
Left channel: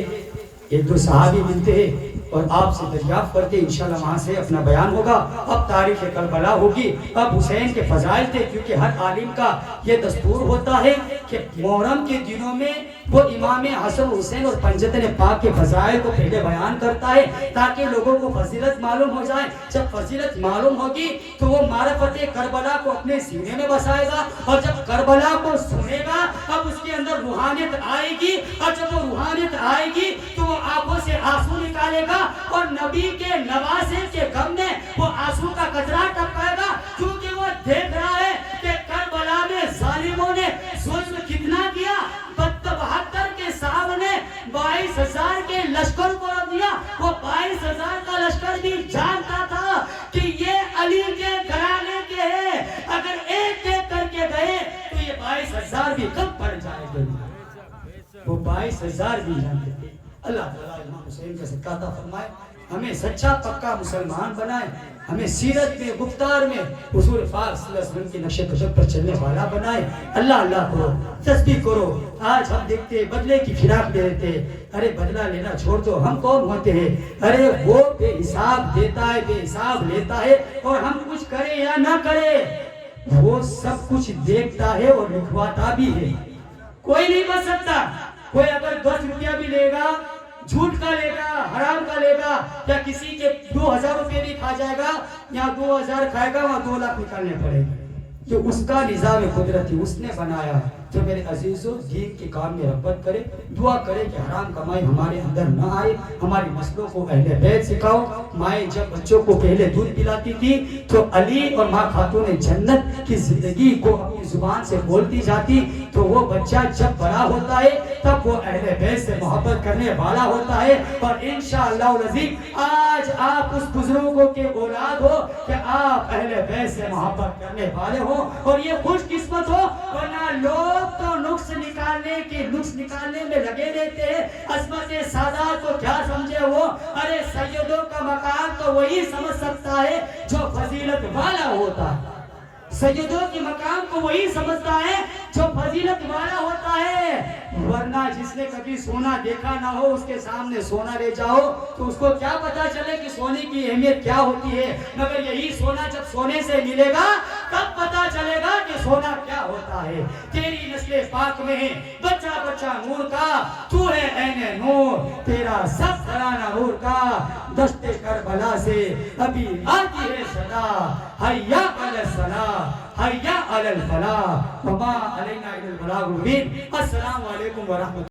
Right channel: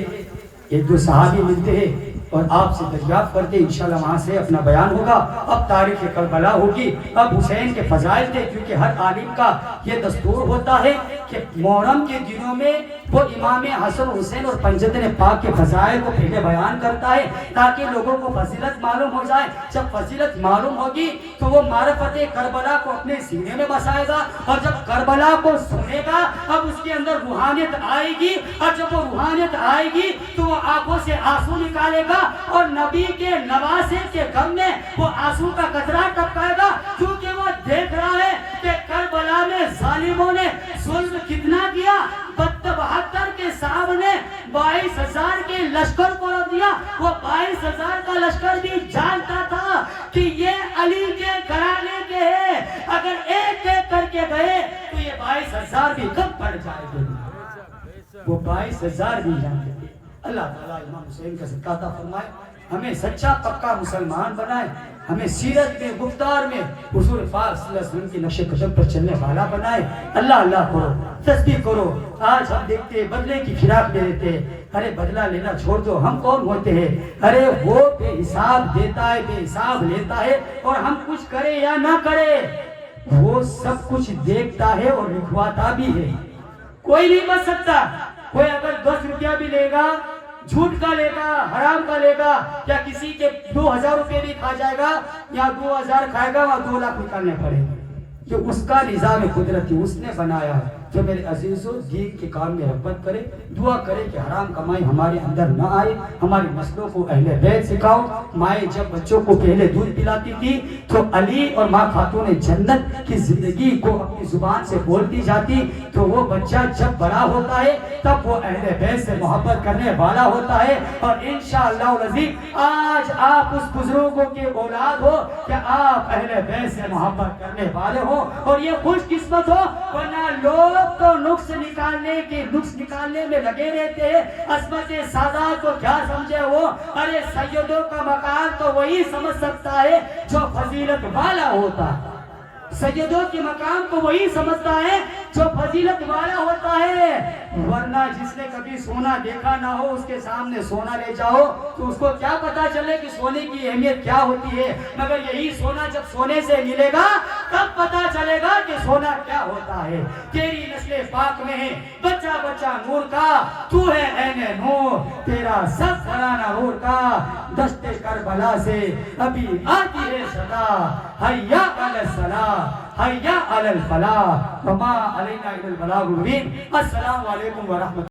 ایک دو صحابی ملتے ہیں اور آپ سے دریافت کرتے، انشاءاللہ وہاں سے اپنا بیان ہوگا. اب تاریخ کربلا ہوگی. اب حسین کے فضائل تھے، کیونکہ ہر عالم کا یہ دستور ہوتا ہے کہ محرم کے دنوں میں وہ امام حسن حسین اور پنجتن پاک کے فضائل کو پہلے بیان کرتا ہے تاکہ لوگوں کو فضیلت معلوم ہو جائے. جب فضیلت معلوم ہوگی تو وہ معرفت کربلا کو اپنے سینے میں بسائے گا، اور جب کربلا کو سنے گا اب اس کے اندر روحانیت آئے گی، اور جب وہ روحانیت آئے گی تو وہ آنکھوں سے آنسو نکالے گا اور نبی کے نواسے کے غم میں وہ آنسو کا قطرہ ٹپکائے گا، کیونکہ وہ دیکھ رہا ہے کہ کربلا میں ظالموں نے ظلم کتنا کیا. 72 کے سامنے 22,000 کے لشکر کو رکھ دیا. وہ 22,000 کا لشکر بھی جانتا تھا کہ یہ علی کے گھرانے کے ہیں، اگر ایک ایک کر کے گئے تو یہ 22,000 بھی کم پڑ جائے گا. وہ 22,000 بھی جانتے تھے. اللہ تعالیٰ امام حسین کا صدقہ عطا فرمائے، ہمیں سچا پکا مسلمان بنائے، ہمیں سیرت میں گفتار میں حضور پاک صلی اللہ علیہ وسلم کی نقش قدم پر چلنے والا بنائے. اللہ اللہ کرو، تسبیح کرو. آج ہم دیکھتے ہیں بدلے کی فراق دے دیتے ہیں. ارے بدلہ لینا چھوڑ دو، ہم کون ہوتے ہیں؟ ارے وہ بے حساب دیتا ہے، بے حساب لیتا ہے، اور ہم کچھ کرے یا نہ کرے وہ سب کچھ دیکھتا ہے اور لکھواتا بھی ہے. کوئی نہیں بچ سکتا. کوئی اگر 10 روپیہ بھی لے گا جھوٹ کا لے گا, حرام کا لے گا, یا کسی کے 2000 روپے بھی کھا جائے گا, یا 2000 کھائے گا وہاں 2 لاکھ نکالنے پڑے گا. یہ اس کا نظام قدرتی اس نے بنایا. تو میرے عزیزوں دین کے کام میں رغبت کرے, دعا کرے کہ حرام کمائی ہمارے اندر نہ آئے. ہماری نسلوں کو اہل بیت سکھاؤ. مائیں جب بچوں کو پہلے دودھ پلاتی تھی تو علی اور ماں خاتون جنت کی زندگی کو اپنی زبان سے بولتی جاتی, تو وہ بچہ جب بڑا ہوتا ہے تب وہ اہل بیت سے محبت کرنے والا ہوتا ہے. اور انشاءاللہ العزیز آج آپ اس بزرگوں کے اولاد ہو کہ آپ اہل بیت سے محبت کرنے والے ہو, اور یہ خوش قسمت ہو. ورنہ لوگ تو نقص نکالنے میں لگے رہتے ہیں. عصمت سادات کو کیا سمجھے وہ, ارے سیدوں کا مقام تو وہی سمجھ سکتا ہے جو فضیلت والا ہوتا ہے. سیدوں کے مقام کو وہی سمجھتا ہے جو فضیلت والا ہوتا ہے. ورنہ جس نے کبھی سونا دیکھا نہ ہو اس کے سامنے سونا لے جاؤ تو اس کو کیا پتا چلے کہ سونے کی اہمیت کیا ہوتی ہے. مگر یہی سونا جب سونے سے ملے گا تب پتا چلے گا کہ سونا کیا ہوتا ہے. تیری نسل پاک میں ہے بچہ بچہ نور کا, تو ہے عین نور, تیرا سب گھرانہ نور کا. دشت کربلا سے ابھی آتی ہے صدا, حیا علی الصلاۃ حیا علی الفلاح, وما علینا الا البلاغ المبین. السلام علیکم ورحمۃ